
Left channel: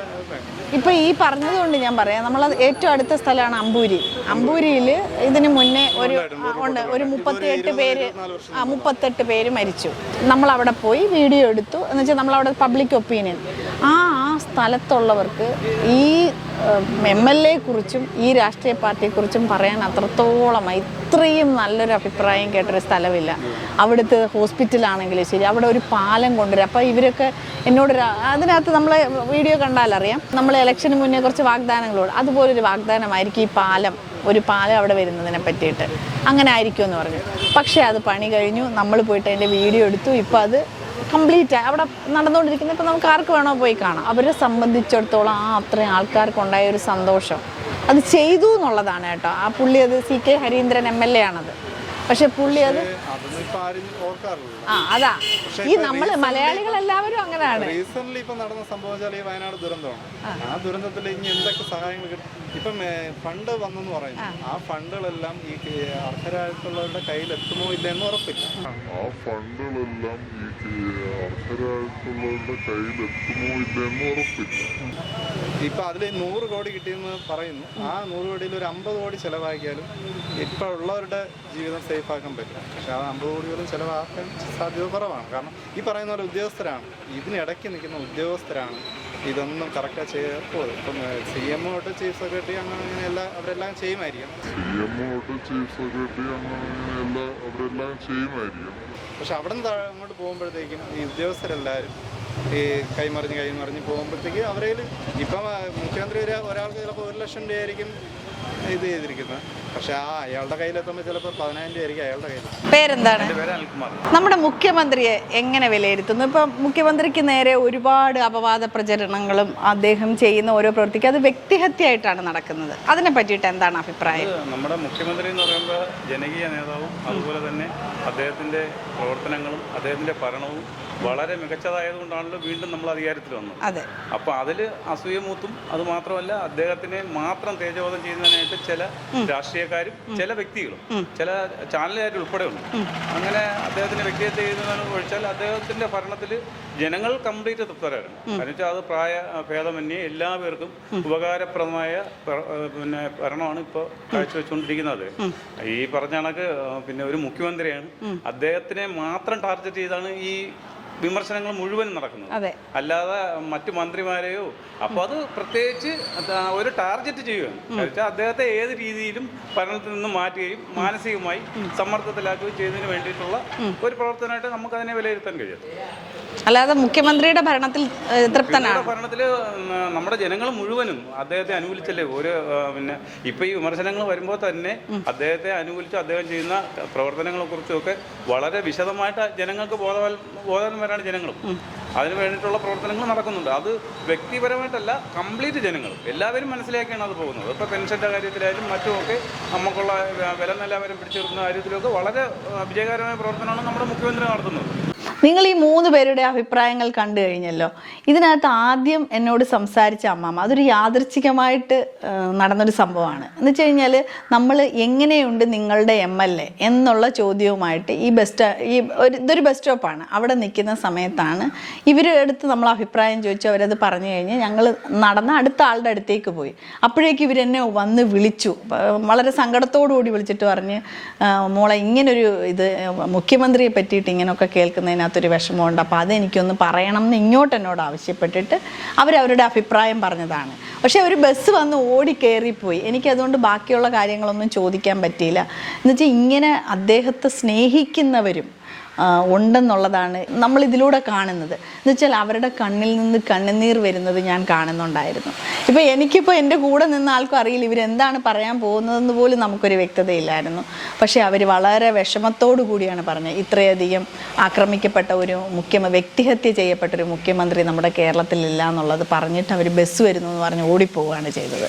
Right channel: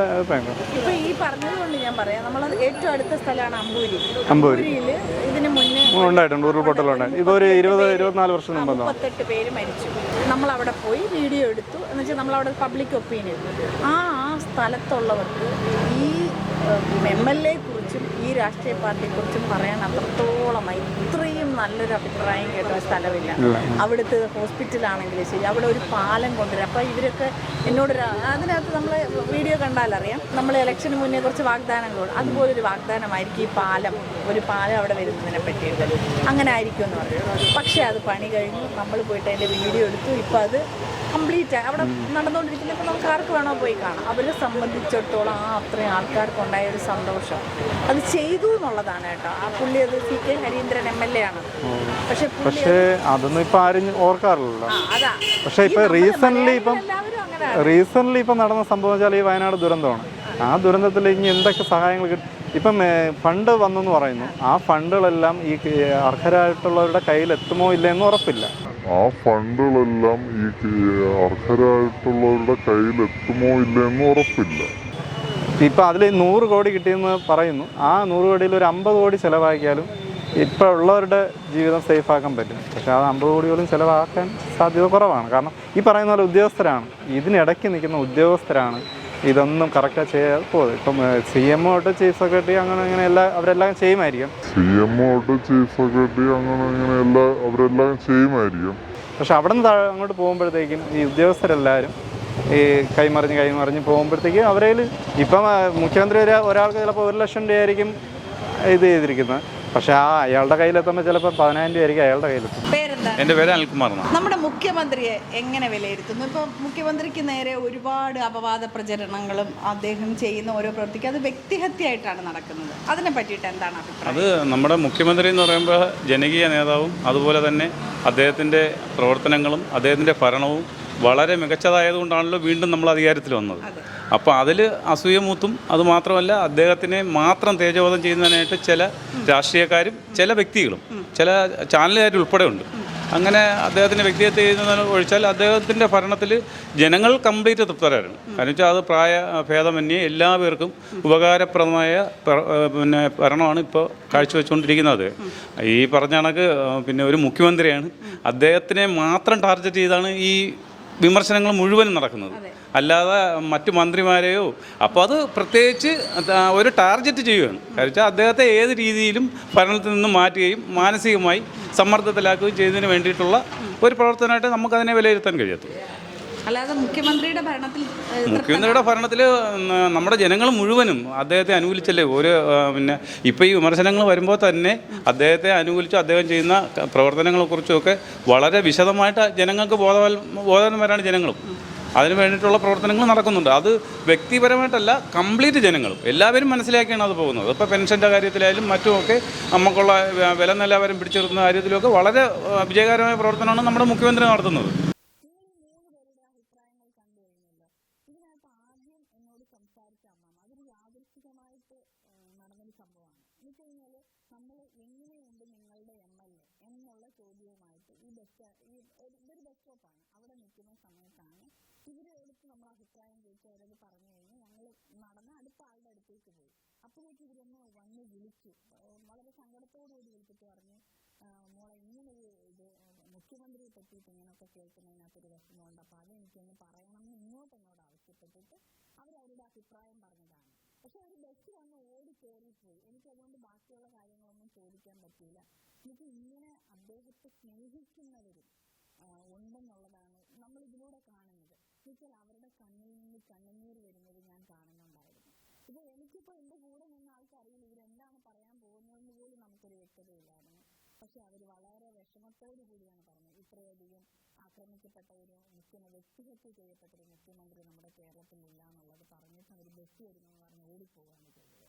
ഇപ്പൊ ഈ പറഞ്ഞതുകൊണ്ട് ഞാൻ പറയാം നമ്മൾ ഏറ്റവും അടുത്ത സ്ഥലമാണ് അമ്പൂരി. അമ്പൂരിയിൽ ഇതിന് മുന്നേ ഒരു- ഉണ്ടായിട്ടുണ്ട് ഉരുൾപൊട്ടലുണ്ട് ഒരു ഇതൊരു മുപ്പത്തിയെട്ട് ഇരുപത് ഇരുപത്തിനാല് വർഷം മുപ്പത്തെട്ട് പേര് മരിച്ചു. നമ്മൾ അവിടെ പോയി വീഡിയോ എടുത്തു. എന്ന് വെച്ചാൽ നമ്മൾ അവിടെ പബ്ലിക് ഒപ്പീനിയൻ ആ ആ സ്ഥലത്തുള്ളവർക്ക് ഈ എം എൽ എ കുറിച്ചും ഈ രാഷ്ട്രീയ പാർട്ടിയെ കുറിച്ചും പറയാൻ അത്രത്തോളം ഇത്രയും നല്ലൊരു അഭിപ്രായം കേട്ടൊരു സ്ഥലമില്ല. അവിടുത്തെ ഹോസ്പിറ്റലാണെങ്കിലും ശരി അവിടെ ഒരു പാലം കൊണ്ടുവരും. അപ്പോൾ ഇവരൊക്കെ എന്നോട് അതിനകത്ത് നമ്മൾ വീഡിയോ കണ്ടാലറിയാം. നമ്മൾ ഇലക്ഷന് മുന്നേ കുറച്ച് വാഗ്ദാനങ്ങളോട്. അതുപോലൊരു വാഗ്ദാനമായിരിക്കും ഈ പാലം ഒരു പാലം അവിടെ വരുന്നതിനെ പറ്റിയിട്ട്. അങ്ങനെ ആയിരിക്കും എന്ന് പറഞ്ഞു. പക്ഷേ അത് പണി കഴിഞ്ഞു. നമ്മൾ പോയിട്ട് അതിന്റെ വീഡിയോ എടുത്തു. ഇപ്പോൾ അത് കംപ്ലീറ്റ് അവിടെ നടന്നുകൊണ്ടിരിക്കുന്ന ഇപ്പം നമുക്ക് ആർക്ക് വേണോ പോയി കാണാം. അവരെ സംബന്ധിച്ചിടത്തോളം ആ അത്രയും ആൾക്കാർക്ക് ഉണ്ടായ ഒരു സന്തോഷം. അത് ചെയ്തു എന്നുള്ളതാണ് കേട്ടോ. ആ പുള്ളി അത് C K Harindran M L A ആണത്. പക്ഷെ അതൊന്നും ഇപ്പൊ ആരും ഓർക്കാറില്ലല്ലോ. ആ അതാ. പക്ഷേ ഇപ്പൊ റീസെന്റ് ഇപ്പം അങ്ങനെയാണ്. റീസെന്റ് ഇപ്പൊ നടന്ന സംഭവം വെച്ചാൽ ഈ വയനാട് ദുരന്തമാണ്. ആ ദുരന്തത്തിൽ ഇനി എന്തൊക്കെ സഹായങ്ങൾ കിട്ടും? ഇപ്പം ഫണ്ട് വന്നെന്ന് പറയുന്നു. ആ ഫണ്ടുകളെല്ലാം ഈ അർഹരായിട്ടുള്ളവരുടെ കയ്യിൽ എത്തുമോ ഇല്ല എന്ന് ഉറപ്പില്ല. ആ ഫണ്ടുകളെല്ലാം ഈ അർഹരായിട്ടുള്ളവരുടെ കയ്യിൽ എത്തുമോ ഇല്ലെന്ന് ഉറപ്പില്ല. ഇപ്പം അതിൽ നൂറ് കോടി കിട്ടിയെന്ന് പറയുന്നു. ആ നൂറ് കോടിയിൽ ഒരു അമ്പത് കോടി ചിലവാക്കിയാലും ഇപ്പോൾ ഉള്ളവരുടെ ജീവിതം സേഫ് ആക്കാൻ പറ്റും. പക്ഷെ ആ അമ്പത് കോടി പോലും ചിലവാക്കാൻ സാധ്യത കുറവാണ്. കാരണം ഈ പറയുന്ന പോലെ ഉദ്യോഗസ്ഥരാണ്. ഇതിനിടയ്ക്ക് നിൽക്കുന്ന ഉദ്യോഗസ്ഥരാണ് ഇതൊന്നും കറക്റ്റായി ചെയ്യാതെ പോകുന്നത് ഇപ്പം സി എം തൊട്ട് ചീഫ് സെക്രട്ടറി അങ്ങനെ അങ്ങനെ എല്ലാം അവരെല്ലാം ചെയ്യുമായിരിക്കും. സി എം തൊട്ട് ചീഫ് സെക്രട്ടറി അങ്ങനെ അങ്ങനെ എല്ലാ അവരെല്ലാം ചെയ്യുമായിരിക്കും. പക്ഷെ അവിടെ നിന്ന് അങ്ങോട്ട് പോകുമ്പോഴത്തേക്കും ഈ ഉദ്യോഗസ്ഥരെല്ലാവരും ഈ കൈമറിഞ്ഞ് കൈമറിഞ്ഞ് പോകുമ്പോഴത്തേക്കും അവരേൽ ഇപ്പം മുഖ്യമന്ത്രി ഒരാൾക്ക് ചിലപ്പോൾ ഒരു ലക്ഷം രൂപയായിരിക്കും ഇത് ചെയ്തിരിക്കുന്നത്. പക്ഷെ ആ അയാളുടെ കയ്യിലെത്തുമ്പോൾ ചിലപ്പോൾ പതിനായിരം രൂപ ആയിരിക്കും അയാളുടെ കയ്യിലെത്തും പേരെന്താണ്? എന്റെ പേര് അനിൽകുമാർ നമ്മുടെ മുഖ്യമന്ത്രിയെ എങ്ങനെ വിലയിരുത്തുന്നു? ഇപ്പം മുഖ്യമന്ത്രിക്ക് നേരെ ഒരുപാട് അപവാദ പ്രചരണങ്ങളും അദ്ദേഹം ചെയ്യുന്ന ഓരോ പ്രവൃത്തിക്കും അത് വ്യക്തിഹത്യയായിട്ടാണ് നടക്കുന്നത്. അതിനെ പറ്റിയിട്ട് എന്താണ് അഭിപ്രായം? നമ്മുടെ മുഖ്യമന്ത്രി എന്ന് പറയുമ്പോൾ ജനകീയ നേതാവും അതുപോലെ തന്നെ അദ്ദേഹത്തിന്റെ പ്രവർത്തനങ്ങളും അദ്ദേഹത്തിന്റെ ഭരണവും വളരെ മികച്ചതായതുകൊണ്ടാണല്ലോ വീണ്ടും നമ്മൾ അധികാരത്തിൽ വന്നത്. അപ്പോൾ അതിൽ അസൂയമൂത്തും അത് മാത്രമല്ല അദ്ദേഹത്തിനെ മാത്രം തേജോവധം ചെയ്യുന്നതിനായിട്ട് ചില രാഷ്ട്രീയക്കാരും ചില വ്യക്തികളും ചില ചാനലുകാരും ഉൾപ്പെടെ ഉണ്ട് അങ്ങനെ അദ്ദേഹത്തിന്റെ വ്യക്തിഹത്യ ചെയ്യുന്നതിന് ഒഴിച്ചാൽ അദ്ദേഹത്തിന്റെ ഭരണത്തിൽ ജനങ്ങൾ കംപ്ലീറ്റ് തൃപ്തരായിരുന്നു. കാരണം വെച്ചാൽ അത് പ്രായ ഭേദമന്യേ എല്ലാവർക്കും ഉപകാരപ്രദമായ പിന്നെ ഭരണമാണ് ഇപ്പോൾ കാഴ്ചവെച്ചുകൊണ്ടിരിക്കുന്നത് ഈ പറഞ്ഞ കണക്ക് പിന്നെ ഒരു മുഖ്യമന്ത്രിയാണ്. അദ്ദേഹത്തിനെ മാത്രം ടാർഗറ്റ് ചെയ്താണ് ഈ വിമർശനങ്ങൾ മുഴുവൻ നടക്കുന്നത്. അല്ലാതെ മറ്റു മന്ത്രിമാരെയോ അപ്പോൾ അത് പ്രത്യേകിച്ച് ഒരു ടാർഗറ്റ് ചെയ്യുകയാണ്. കാരണം വെച്ചാൽ അദ്ദേഹത്തെ ഏത് രീതിയിലും ഭരണത്തിൽ നിന്ന് മാറ്റുകയും മാനസികമായി സമ്മർദ്ദത്തിലാക്കുകയും ചെയ്തതിന് വേണ്ടിയിട്ടുള്ള ഒരു പ്രവർത്തനമായിട്ട് നമുക്കതിനെ വിലയിരുത്താൻ കഴിയത്തുള്ളൂ. അല്ലാതെ മുഖ്യമന്ത്രിയുടെ ഭരണത്തിൽ തൃപ്തനാണ് മുഖ്യമന്ത്രിയുടെ ഭരണത്തിൽ നമ്മുടെ ജനങ്ങൾ മുഴുവനും അദ്ദേഹത്തെ അനുകൂലിച്ചല്ലേ? ഒരു പിന്നെ ഇപ്പൊ ഈ വിമർശനങ്ങൾ വരുമ്പോൾ തന്നെ അദ്ദേഹത്തെ അനുകൂലിച്ച് അദ്ദേഹം ചെയ്യുന്ന പ്രവർത്തനങ്ങളെ പ്രവർത്തനങ്ങളെക്കുറിച്ചൊക്കെ വളരെ വിശദമായിട്ട് ജനങ്ങൾക്ക് ബോധവൽ ബോധവാന്മാരാണ് ജനങ്ങളും. അതിന് വേണ്ടിയിട്ടുള്ള പ്രവർത്തനങ്ങൾ നടക്കുന്നുണ്ട്. അത് വ്യക്തിപരമായിട്ടല്ല കംപ്ലീറ്റ് ജനങ്ങൾ. എല്ലാവരും മനസ്സിലാക്കിയാണ് അത് പോകുന്നത്. ഇപ്പോൾ പെൻഷന്റെ കാര്യത്തിലായാലും മറ്റുമൊക്കെ നമുക്കുള്ള വില നിലവാരം പിടിച്ചെടുക്കുന്ന കാര്യത്തിലൊക്കെ വളരെ വിജയകരമായ പ്രവർത്തനമാണ് നമ്മുടെ മുഖ്യമന്ത്രി നടത്തുന്നത്. നിങ്ങൾ ഈ മൂന്ന് പേരുടെ അഭിപ്രായങ്ങൾ കണ്ടു കഴിഞ്ഞല്ലോ. ഇതിനകത്ത് ആദ്യം എന്നോട് സംസാരിച്ച അമ്മാമ്മ അതൊരു യാദൃച്ഛികമായിട്ട് ആ, നടന്നൊരു സംഭവമാണ്. എന്ന് വെച്ച് കഴിഞ്ഞാൽ നമ്മൾ എങ്ങനെയുണ്ട് നിങ്ങളുടെ എം എൽ എ എന്നുള്ള ചോദ്യവുമായിട്ട് ഈ ബസ് ഈ ഒരു ഇതൊരു ബസ് സ്റ്റോപ്പാണ് അവിടെ നിൽക്കുന്ന സമയത്താണ് ഇവരെടുത്ത് നമ്മൾ അഭിപ്രായം ചോദിച്ചു അവരത് പറഞ്ഞു കഴിഞ്ഞ് ഞങ്ങൾ നടന്ന അടുത്ത ആളുടെ അടുത്തേക്ക് പോയി. അപ്പോഴേക്ക് ഇവരെന്നെ വന്ന് വിളിച്ചു. വളരെ സങ്കടത്തോടു കൂടി വിളിച്ചിട്ട് പറഞ്ഞ് "ആ, മോളെ ഇങ്ങനൊരു ഇത് മുഖ്യമന്ത്രിയെ പറ്റിയിട്ട് ഇങ്ങനെയൊക്കെ കേൾക്കുന്നതിനകത്തൊരു വിഷമമുണ്ട്. അപ്പോൾ അതെനിക്കൊന്ന് പറയണം എന്ന് ഇങ്ങോട്ട് എന്നോട് ആവശ്യപ്പെട്ടിട്ട് അവരവരുടെ അഭിപ്രായം പറഞ്ഞതാണ്. പക്ഷേ ഒരു ബസ് വന്ന് ഓടി കയറിപ്പോയി എനിക്കതുകൊണ്ട് ബാക്കിയുള്ള കാര്യങ്ങളൊന്നും ചോദിക്കാൻ പറ്റിയില്ല. എന്നുവെച്ചാൽ ഇങ്ങനെ അദ്ദേഹത്തെ സ്നേഹിക്കുന്നവരും ഉണ്ടെന്നുള്ളതാണ് നമ്മൾ ഇതിലൂടെ കാണുന്നത്. എന്ന് വെച്ചാൽ അവരുടെ കണ്ണിൽ നിന്ന് കണ്ണുനീർ വരുന്നത് ഞാൻ കാണുന്നുണ്ടായിരുന്നു. ഇപ്പോൾ എനിക്കിപ്പോൾ എന്റെ കൂടെ നിന്ന ആൾക്കും അറിയില്ല ഇവരെന്താണ് പറയാൻ പോകുന്നതെന്ന് പോലും നമുക്കൊരു വ്യക്തതയില്ലായിരുന്നു. പക്ഷേ അവർ വളരെ വിഷമത്തോടു കൂടിയാണ് പറഞ്ഞത്. ഇത്രയധികം ആക്രമിക്കപ്പെട്ട ഒരു മുഖ്യമ വ്യക്തിഹത്യ ചെയ്യപ്പെട്ട ഒരു മുഖ്യമന്ത്രി നമ്മുടെ കേരളത്തിലില്ല എന്നുള്ളത് പറഞ്ഞിട്ട് അവർ ബസ് വരുന്നു എന്ന് പറഞ്ഞ് ഓടിപ്പോവുകയാണ് ചെയ്തത്.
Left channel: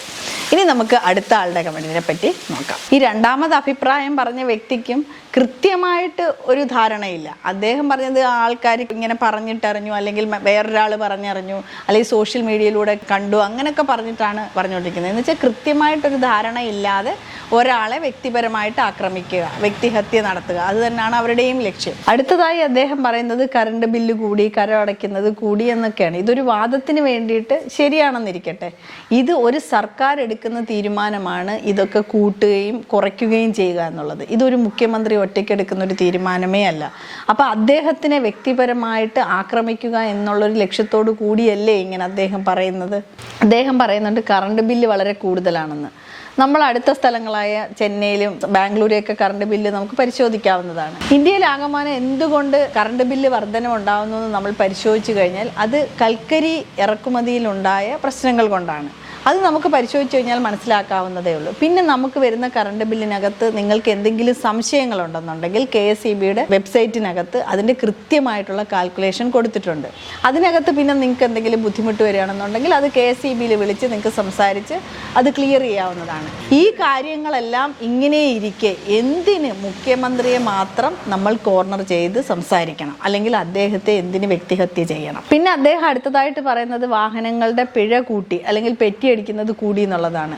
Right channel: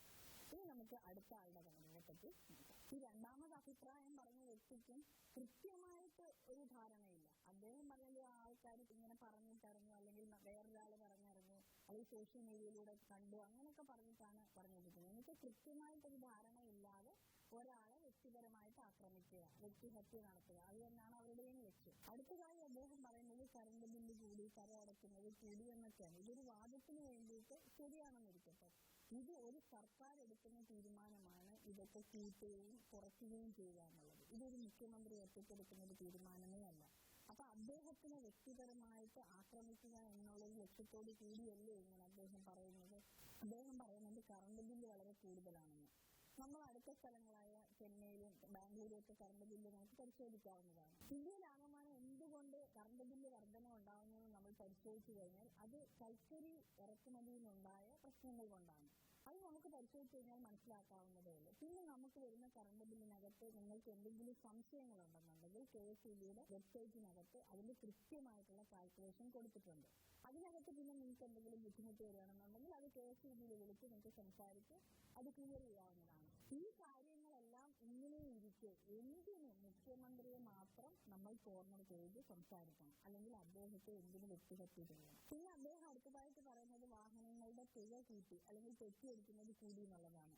ഇനി നമുക്ക് അടുത്ത ആളുടെ കമന്റിനെ പറ്റി നോക്കാം. ഈ രണ്ടാമത് അഭിപ്രായം പറഞ്ഞ വ്യക്തിക്കും കൃത്യമായിട്ട് ഒരു ധാരണയില്ല. അദ്ദേഹം പറഞ്ഞത് ആൾക്കാർ ഇങ്ങനെ പറഞ്ഞിട്ടറിഞ്ഞു അല്ലെങ്കിൽ വേറൊരാൾ പറഞ്ഞറിഞ്ഞു അല്ലെങ്കിൽ സോഷ്യൽ മീഡിയയിലൂടെ കണ്ടു അങ്ങനെയൊക്കെ പറഞ്ഞിട്ടാണ് പറഞ്ഞുകൊണ്ടിരിക്കുന്നത്. എന്ന് വെച്ചാൽ കൃത്യമായിട്ടൊരു ധാരണ ഇല്ലാതെ ഒരാളെ വ്യക്തിപരമായിട്ട് ആക്രമിക്കുക വ്യക്തിഹത്യ നടത്തുക അത് തന്നെയാണ് അവരുടെയും ലക്ഷ്യം. അടുത്തതായി അദ്ദേഹം പറയുന്നത് കറണ്ട് ബില്ല് കൂടി കരം അടയ്ക്കുന്നത് കൂടി എന്നൊക്കെയാണ്. ഇതൊരു വാദത്തിന് വേണ്ടിയിട്ട് ശരിയാണെന്നിരിക്കട്ടെ. ഇത് ഒരു സർക്കാർ എടുക്കുന്ന തീരുമാനമാണ് ഇതൊക്കെ കൂട്ടുകയും കുറയ്ക്കുകയും ചെയ്യുക എന്നുള്ളത്. ഇതൊരു മുഖ്യമന്ത്രി ഒറ്റയ്ക്കെടുക്കുന്ന ഒരു തീരുമാനമേ അല്ല. അപ്പോൾ അദ്ദേഹത്തിനെ വ്യക്തിപരമായിട്ട് ആക്രമിക്കുക എന്നുള്ളൊരു ലക്ഷ്യത്തോടു കൂടിയല്ലേ ഇങ്ങനെ അദ്ദേഹം പറയുന്നത്? അദ്ദേഹം പറയുന്നുണ്ട് കറണ്ട് ബില്ല് വളരെ കൂടുതലാണെന്ന്. നമ്മൾ അടുത്ത സ്ഥലങ്ങളായ ചെന്നൈയിലും ബാംഗ്ലൂരെയൊക്കെ കറണ്ട് ബില്ല് നമുക്ക് പരിശോധിക്കാവുന്നതാണ്. ഇന്ത്യയിൽ ആകമാനം എന്തുകൊണ്ട് കറണ്ട് ബില്ല് വർധനം ഉണ്ടാകുന്നു നമ്മൾ പരിശോധിച്ചു കഴിഞ്ഞാൽ അത് കൽക്കരി ഇറക്കുമതിയിലുണ്ടായ പ്രശ്നങ്ങൾ കൊണ്ടാണ്. അത് നമുക്ക് പരിശോധിച്ച് കഴിഞ്ഞാൽ മനസ്സിലാക്കാവുന്നതേ ഉള്ളൂ. പിന്നെ നമുക്ക് വരുന്ന കറണ്ട് ബില്ലിനകത്ത് നിങ്ങൾക്ക് എന്തെങ്കിലും സംശയങ്ങളുണ്ടെന്നുണ്ടെങ്കിൽ കെ എസ് ഇ ബിയുടെ വെബ്സൈറ്റിനകത്ത് അതിന്റെ കൃത്യമായിട്ടുള്ള കാൽക്കുലേഷൻ കൊടുത്തിട്ടുണ്ട്. അതിനകത്ത് പിന്നെ നിങ്ങൾക്ക് എന്തെങ്കിലും ബുദ്ധിമുട്ട് വരികയാണെന്നുണ്ടെങ്കിൽ അത് കെ എസ് ഇ ബിയിൽ വിളിച്ച് നിങ്ങൾക്ക് സംസാരിച്ച് അത് ക്ലിയർ ചെയ്യാവുന്നതാണ്. ഈ കാര്യങ്ങളെല്ലാം ഇങ്ങനെ ഇരിക്കെ എന്തിന് മുഖ്യമന്ത്രിയെ മാത്രം നമ്മൾ കോർണർ ചെയ്ത് സംസാരിക്കണം? അല്ലെങ്കിൽ അദ്ദേഹത്തെ എന്തിന് വ്യക്തിഹത്യ ചെയ്യണം? പിന്നെ അദ്ദേഹം അടുത്തതായിട്ട് പറയുന്നത് വാഹനങ്ങളുടെ പിഴ കൂട്ടി അല്ലെങ്കിൽ പെറ്റിയടിക്കുന്നത് കൂടി എന്നുള്ളതാണ്.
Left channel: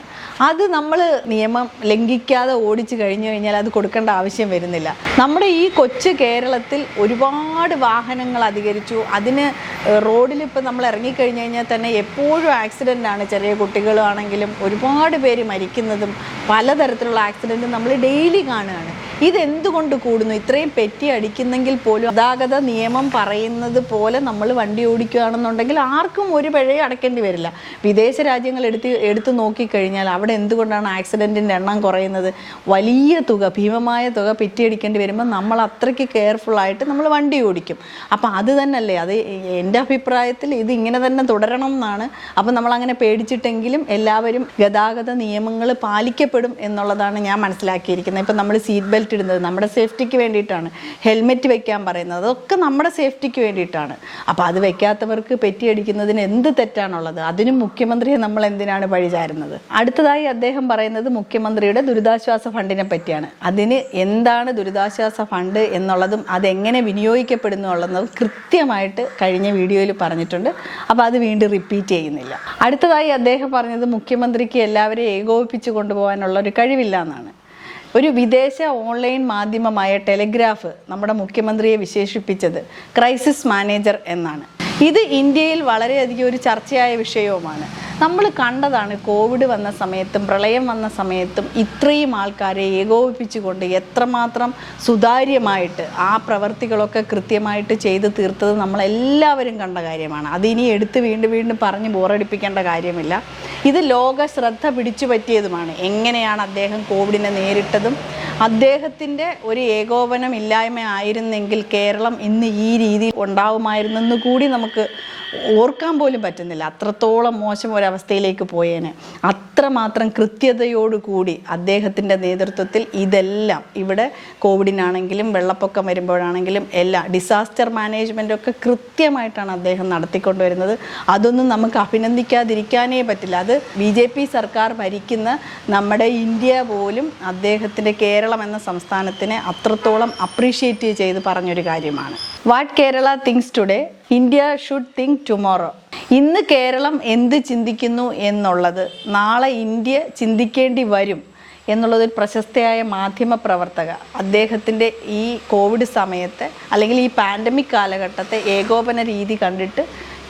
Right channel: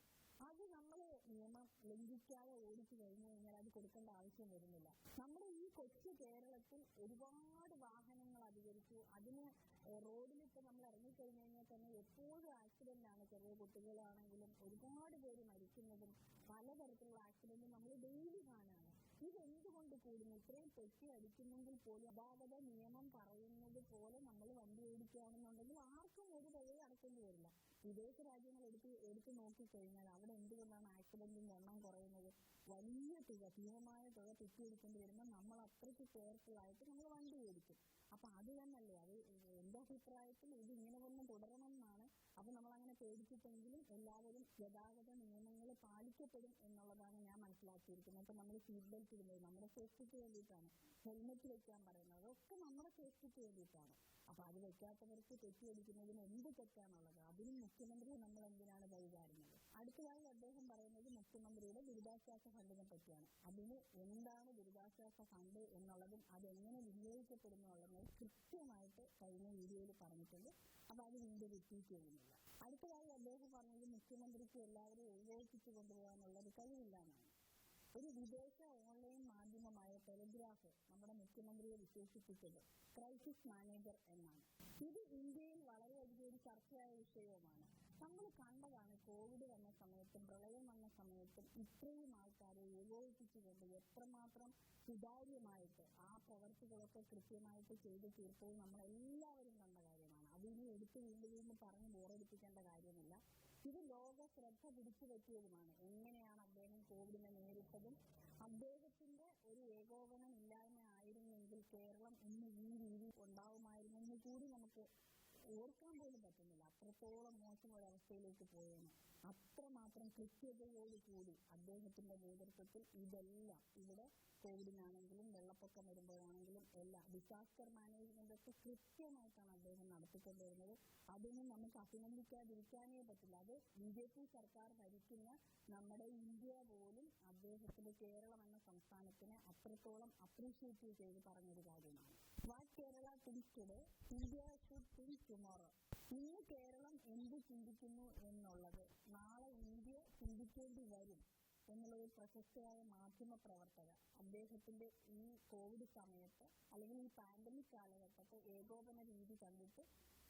അത് നമ്മൾ നിയമം ലംഘിക്കാതെ ഓടിച്ചു കഴിഞ്ഞു കഴിഞ്ഞാൽ അത് കൊടുക്കേണ്ട ആവശ്യം വരുന്നില്ല. നമ്മുടെ ഈ കൊച്ചു കേരളത്തിൽ ഒരുപാട് വാഹനങ്ങൾ അധികരിച്ചു. അതിന് റോഡിൽ ഇപ്പം നമ്മൾ ഇറങ്ങിക്കഴിഞ്ഞു കഴിഞ്ഞാൽ തന്നെ എപ്പോഴും ആക്സിഡന്റ് ആണ്. ചെറിയ കുട്ടികളാണെങ്കിലും ഒരുപാട് പേര് മരിക്കുന്നതും പലതരത്തിലുള്ള ആക്സിഡന്റും നമ്മൾ ഡെയിലി കാണുകയാണ്. ഇതെന്തുകൊണ്ട് കൂടുന്നു? ഇത്രയും പെറ്റി അടിക്കുന്നെങ്കിൽ പോലും ഗതാഗത നിയമം പറയുന്നത് പോലെ നമ്മൾ വണ്ടി ഓടിക്കുകയാണെന്നുണ്ടെങ്കിൽ ആർക്കും ഒരു പിഴയും അടയ്ക്കേണ്ടി വരില്ല. വിദേശ രാജ്യങ്ങൾ എടുത്ത് എടുത്തു നോക്കിക്കഴിഞ്ഞാൽ അവിടെ എന്തുകൊണ്ടാണ് ആക്സിഡന്റിന്റെ എണ്ണം കുറയുന്നത്? വലിയ തുക ഭീമമായ തുക പെറ്റി അടിക്കേണ്ടി വരുമ്പോൾ നമ്മൾ അത്രയ്ക്ക് കെയർഫുള്ളായിട്ട് നമ്മൾ വണ്ടി ഓടിക്കും. അപ്പോൾ അത് തന്നെയല്ലേ? അത് എന്റെ അഭിപ്രായത്തിൽ ഇത് ഇങ്ങനെ തന്നെ തുടരണം എന്നാണ്. അപ്പോൾ നമ്മൾ അങ്ങനെ പേടിച്ചിട്ടെങ്കിലും എല്ലാവരും ഗതാഗത നിയമങ്ങൾ പാലിക്കപ്പെടും എന്നുള്ളതാണ് ഞാൻ മനസ്സിലാക്കിയിരിക്കുന്നത്. ഇപ്പം നമ്മൾ സീറ്റ് ബെൽറ്റ് ഇടുന്നത് നമ്മുടെ സേഫ്റ്റിക്ക് വേണ്ടിയിട്ടാണ്. ഹെൽമെറ്റ് വെക്കാൻ പറയുന്നത് അതൊക്കെ നമ്മുടെ സേഫ്റ്റിക്ക് വേണ്ടിയിട്ടാണ്. അപ്പോൾ അത് വെക്കാത്തവർക്ക് പെറ്റിയടിക്കുന്നതിന് എന്ത് തെറ്റാണുള്ളത്? അതിനും മുഖ്യമന്ത്രിയെ നമ്മൾ എന്തിനാണ് പഴിചാരുന്നത് അടുത്തതായി അദ്ദേഹം പറയുന്നത് മുഖ്യമന്ത്രിയുടെ ദുരിതാശ്വാസ ഫണ്ടിനെ പറ്റിയാണ്. അതിന് എന്താണ് ദുരിതാശ്വാസ ഫണ്ട് എന്നുള്ളതും അതെങ്ങനെ വിനിയോഗിക്കപ്പെടുന്നു എന്നുള്ളതും കൃത്യമായിട്ട് കഴിഞ്ഞ വീഡിയോയിൽ പറഞ്ഞിട്ടുണ്ട്. അപ്പോൾ അത് വീണ്ടും റിപ്പീറ്റ് ചെയ്യുന്നില്ല. അടുത്തതായി അദ്ദേഹം പറഞ്ഞത് മുഖ്യമന്ത്രിക്ക് എല്ലാവരെയും ഏകോപിപ്പിച്ച് കൊണ്ടുപോകാനുള്ള ഒരു കഴിവില്ല എന്നാണ്. ഒരു വിദേശ ഓൺലൈൻ മാധ്യമമായ ടെലിഗ്രാഫ് നമ്മുടെ മുഖ്യമന്ത്രിയെ വിശേഷിപ്പിച്ചത് ക്രൈസിസ് മാനേജർ എന്നാണ്. ഇത് ഇന്ത്യയിൽ വളരെയധികം ഒരു ചർച്ചയായ വിഷയവുമാണ്. നമ്മൾ കണ്ടതാണ് കോവിഡ് വന്ന സമയത്തും പ്രളയം വന്ന സമയത്തും ഇത്രയും ആൾക്കാരെ ഏകോപിപ്പിച്ചുകൊണ്ട് എത്രമാത്രം സുതാര്യമായിട്ട് ആ പ്രവർത്തികളൊക്കെ കൃത്യമായിട്ട് ചെയ്ത് തീർത്തത് നമ്മളെല്ലാവരും കണ്ട കാര്യമാണ്. അതിനി എടുത്ത് വീണ്ടും വീണ്ടും പറഞ്ഞ് ബോറടിപ്പിക്കേണ്ട കാര്യമില്ല. ഇത് ലോക ശ്രദ്ധ പിടിച്ചു പറ്റിയതുമാണ്. എങ്ങനെയാണ് അദ്ദേഹം കോവിഡിനെ നേരിട്ടതും? അദ്ദേഹത്തിന്റെ ഒരു ഏകോപനം ഇല്ലായ്മ ആയിരുന്നെങ്കിൽ കേരളം ഇന്ന് ഈ രീതി ഉണ്ടാവുമായിരുന്നെന്ന് കൂടി നമുക്ക് ഓർക്കാൻ പോലും പറ്റുന്നില്ല. അത്രത്തോളം മോശം ഒരവസ്ഥയിലേക്ക് പോയേനെ. അത്രമാത്രം കൃത്യതയോടുകൂടി അദ്ദേഹത്തിന്റെ നേതൃത്വത്തിൽ ഇതെല്ലാം ഇവിടെ കോവിഡിനാണെങ്കിലും വെള്ളപ്പൊക്കം വരുമ്പോഴാണെങ്കിലും എല്ലാ ഡിസാസ്റ്റർ മാനേജ്മെന്റൊക്കെ കൃത്യമായിട്ടാണ് അദ്ദേഹം നടത്തിക്കൊണ്ടുവരുന്നത്. അതൊന്നും നമുക്ക് അഭിനന്ദിക്കാതിരിക്കാനേ പറ്റില്ല. അത് ബി ജെ പി സർക്കാർ ഭരിക്കുന്ന നമ്മുടെ ഇന്ത്യ പോലും അദ്ദേഹത്തിന്റെ കേരളം എന്ന സംസ്ഥാനത്തിനെ അത്രത്തോളം അപ്രീഷിയേറ്റ് ചെയ്ത് പറഞ്ഞൊരു കാര്യമാണ്. What Kerala thinks today India should think tomorrow ഇന്ന് കേരളം എന്ത് ചിന്തിക്കുന്നു എന്നുള്ളത് നാളെ ഇന്ത്യ ചിന്തിക്കേണ്ടി വരും എന്നുള്ളത് പ്രശസ്തയായ മാധ്യമ പ്രവർത്തക അദ്ദേഹത്തിന്റെ ഈ കോവിഡ് സമയത്തെ അല്ലെങ്കിൽ ഈ പാൻഡമിക് കാലഘട്ടത്തെ ഏകോപന രീതി കണ്ടിട്ട്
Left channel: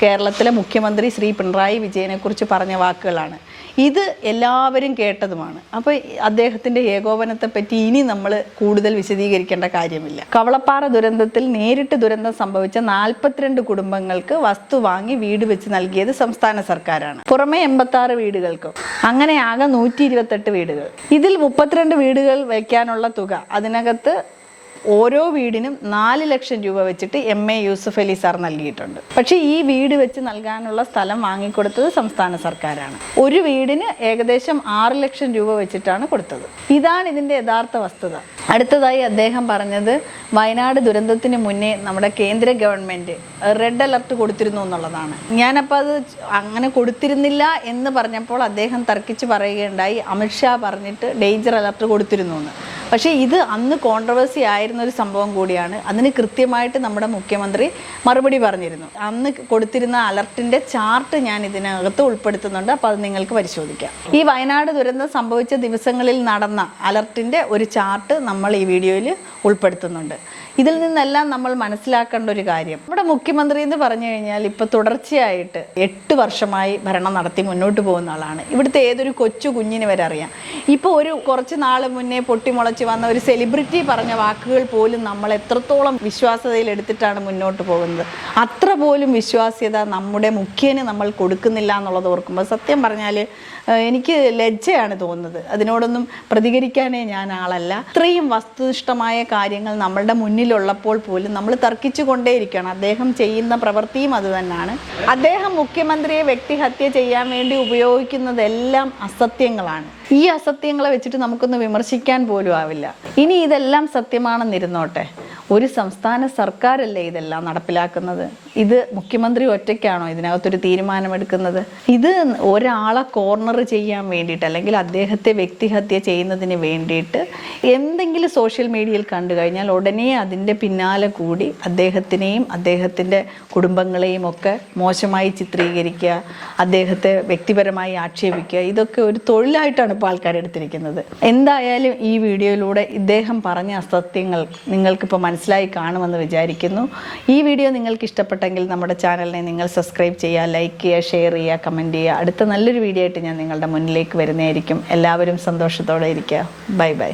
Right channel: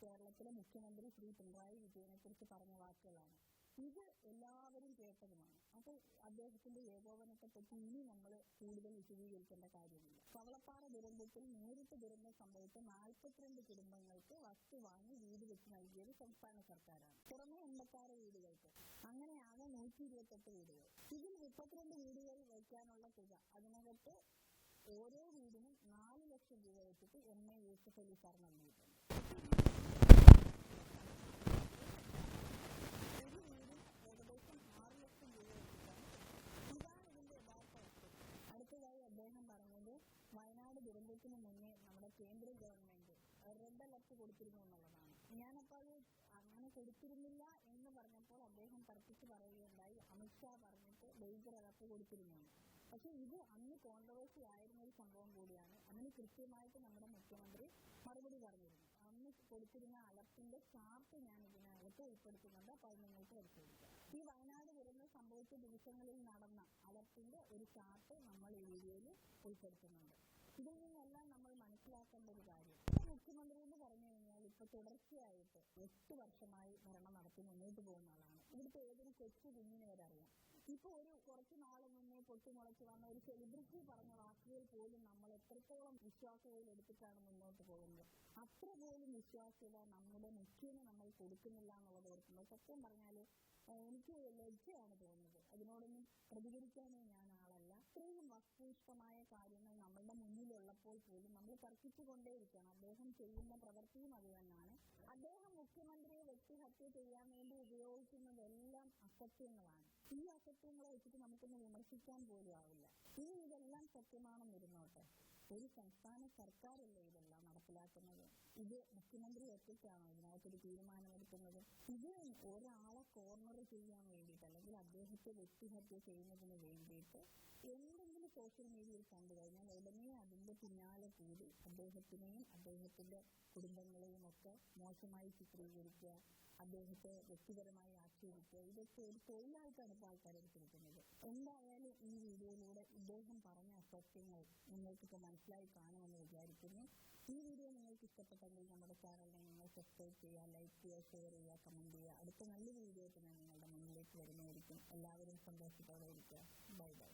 കേരളത്തിലെ മുഖ്യമന്ത്രി ശ്രീ പിണറായി വിജയനെക്കുറിച്ച് പറഞ്ഞ വാക്കുകളാണ്. ഇത് എല്ലാവരും കേട്ടതുമാണ്. അപ്പോൾ അദ്ദേഹത്തിന്റെ ഏകോപനത്തെ പറ്റി ഇനി നമ്മൾ കൂടുതൽ വിശദീകരിക്കേണ്ട കാര്യമില്ല. കവളപ്പാറ ദുരന്തത്തിൽ നേരിട്ട് ദുരന്തം സംഭവിച്ച നാൽപ്പത്തിരണ്ട് കുടുംബങ്ങൾക്ക് വസ്തു വാങ്ങി വീട് വെച്ച് നൽകിയത് സംസ്ഥാന സർക്കാരാണ്. പുറമെ എൺപത്തി ആറ് വീടുകൾക്കും. അങ്ങനെ ആകെ നൂറ്റി വീടുകൾ. ഇതിൽ മുപ്പത്തിരണ്ട് വീടുകൾ വയ്ക്കാനുള്ള തുക അതിനകത്ത് ഓരോ വീടിനും നാല് ലക്ഷം രൂപ വെച്ചിട്ട് M A Yusuf Ali sir നൽകിയിട്ടുണ്ട്. പക്ഷേ ഈ വീട് വെച്ച് നൽകാനുള്ള സ്ഥലം വാങ്ങിക്കൊടുത്തത് സംസ്ഥാന സർക്കാരാണ്. ഒരു വീടിന് ഏകദേശം ആറ് ലക്ഷം രൂപ വെച്ചിട്ടാണ് കൊടുത്തത്. ഇതാണ് ഇതിന്റെ യഥാർത്ഥ വസ്തുത. അടുത്തതായി അദ്ദേഹം പറഞ്ഞത് വയനാട് ദുരന്തത്തിന് മുന്നേ നമ്മുടെ കേന്ദ്ര ഗവൺമെന്റ് റെഡ് അലർട്ട് കൊടുത്തിരുന്നു എന്നുള്ളതാണ്. ഞാനപ്പോൾ അത് അങ്ങനെ കൊടുത്തിരുന്നില്ല എന്ന് പറഞ്ഞപ്പോൾ അദ്ദേഹം തർക്കിച്ച് പറയുകയുണ്ടായി. അമിത്ഷാ പറഞ്ഞിട്ട് ഡേഞ്ചർ അലർട്ട് കൊടുത്തിരുന്നു എന്ന്. പക്ഷേ ഇത് അന്ന് കോൺട്രവേഴ്സി ആയിരുന്ന ഒരു സംഭവം കൂടിയാണ്. അതിന് കൃത്യമായിട്ട് നമ്മുടെ മുഖ്യമന്ത്രി മറുപടി പറഞ്ഞിരുന്നു. അന്ന് കൊടുത്തിരുന്ന അലർട്ടിന്റെ ചാർട്ട് ഞാൻ ഇതിനകത്ത് ഉൾപ്പെടുത്തുന്നുണ്ട്. അപ്പോൾ അത് നിങ്ങൾക്ക് പരിശോധിക്കാം. ഈ വയനാട് ദുരന്തം സംഭവിച്ച ദിവസങ്ങളിൽ നടന്ന അലർട്ടിന്റെ ഒരു ചാർട്ട് നമ്മൾ ഈ വീഡിയോയിൽ ഉൾപ്പെടുത്തുന്നുണ്ട്. ഇതിൽ നിന്നെല്ലാം നമ്മൾ മനസ്സിലാക്കേണ്ട ഒരു കാര്യം. നമ്മുടെ മുഖ്യമന്ത്രി എന്ന് പറഞ്ഞു കഴിഞ്ഞാൽ ഇപ്പോൾ തുടർച്ചയായിട്ട് എട്ട് വർഷമായി ഭരണം നടത്തി മുന്നോട്ട് പോകുന്ന ആളാണ്. ഇവിടുത്തെ ഏതൊരു കൊച്ചു കുഞ്ഞിന് വരെ അറിയാം. ഇപ്പോൾ ഒരു കുറച്ച് നാൾ മുന്നേ പൊട്ടിമുളച്ച് വന്ന ഒരു സെലിബ്രിറ്റി പറഞ്ഞ വാക്കുകൾ പോലും നമ്മൾ എത്രത്തോളം വിശ്വാസ്യതയിൽ എടുത്തിട്ടാണ് മുന്നോട്ട് പോകുന്നത്. അത്ര പോലും വിശ്വാസ്യത നമ്മുടെ മുഖ്യന് നമ്മൾ കൊടുക്കുന്നില്ല എന്നുള്ളത് ഓർക്കുമ്പോൾ സത്യം പറഞ്ഞാൽ എനിക്ക് ലജ്ജയാണ് തോന്നുന്നത്. അതിനോടൊന്നും പ്രതികരിക്കാനേ ഞാൻ ആളല്ല. ഇത്രയും വസ്തുനിഷ്ഠമായ കാര്യങ്ങൾ നമ്മളുടെ മുന്നിലുള്ളപ്പോൾ പോലും നമ്മൾ തർക്കിച്ചു കൊണ്ടേയിരിക്കണം അദ്ദേഹം ചെയ്യുന്ന പ്രവൃത്തിയും അത് തന്നെയാണ്. അദ്ദേഹം മുഖ്യമന്ത്രിയെ വ്യക്തിഹത്യ ചെയ്യാൻ വേണ്ടി ഉപയോഗിക്കുന്നതെല്ലാം അസത്യങ്ങളാണ്. ഈ അസത്യങ്ങളെ വെച്ചിട്ട് നമുക്കൊന്ന് വിമർശിക്കാൻ പോലും ആവില്ല. ഇനി ഇതെല്ലാം സത്യമാണെന്നിരുന്നോട്ടെ? ഒരു സംസ്ഥാന സർക്കാരല്ലേ ഇതെല്ലാം നടപ്പിലാക്കുന്നത്? ഇത് മുഖ്യമന്ത്രി ഒറ്റയ്ക്കാണോ ഇതിനകത്തൊരു തീരുമാനമെടുക്കുന്നത്? ഇത് ഒരാളെ കോർണർ ചെയ്യാൻ വേണ്ടിയിട്ട് അല്ലെങ്കിൽ അദ്ദേഹത്തെ വ്യക്തിഹത്യ ചെയ്യുന്നതിന് വേണ്ടിയിട്ട് എന്തെങ്കിലും സോഷ്യൽ മീഡിയയിൽ കണ്ടു കഴിഞ്ഞാൽ ഉടനെ അതിന്റെ പിന്നാലെ കൂടി അദ്ദേഹത്തിനെയും അദ്ദേഹത്തിന്റെ കുടുംബങ്ങളെയും ഒക്കെ മോശമായി ചിത്രീകരിക്കുക അദ്ദേഹത്തെ വ്യക്തിപരമായി ആക്ഷേപിക്കുക ഇതൊക്കെ ഒരു തൊഴിലായിട്ടാണ് ഇപ്പോൾ ആൾക്കാർ എടുത്തിരിക്കുന്നത്. എന്തായാലും ഈ വീഡിയോയിലൂടെ ഇദ്ദേഹം പറഞ്ഞ അസത്യങ്ങൾ നിങ്ങൾക്കിപ്പോൾ മനസ്സിലായി കാണുമെന്ന് വിചാരിക്കുന്നു. ഈ വീഡിയോ നിങ്ങൾക്ക് ഇഷ്ടപ്പെട്ടെങ്കിൽ നമ്മുടെ ചാനലിനെ നിങ്ങൾ സബ്സ്ക്രൈബ് ചെയ്യുക ലൈക്ക് ചെയ്യുക ഷെയർ ചെയ്യുക കമന്റ് ചെയ്യുക. അടുത്ത നല്ലൊരു വീഡിയോ ആയിട്ട് ഞാൻ നിങ്ങളുടെ മുന്നിലേക്ക് വരുന്നതായിരിക്കും. എല്ലാവരും സന്തോഷത്തോടെ ഇരിക്കുക. Bye bye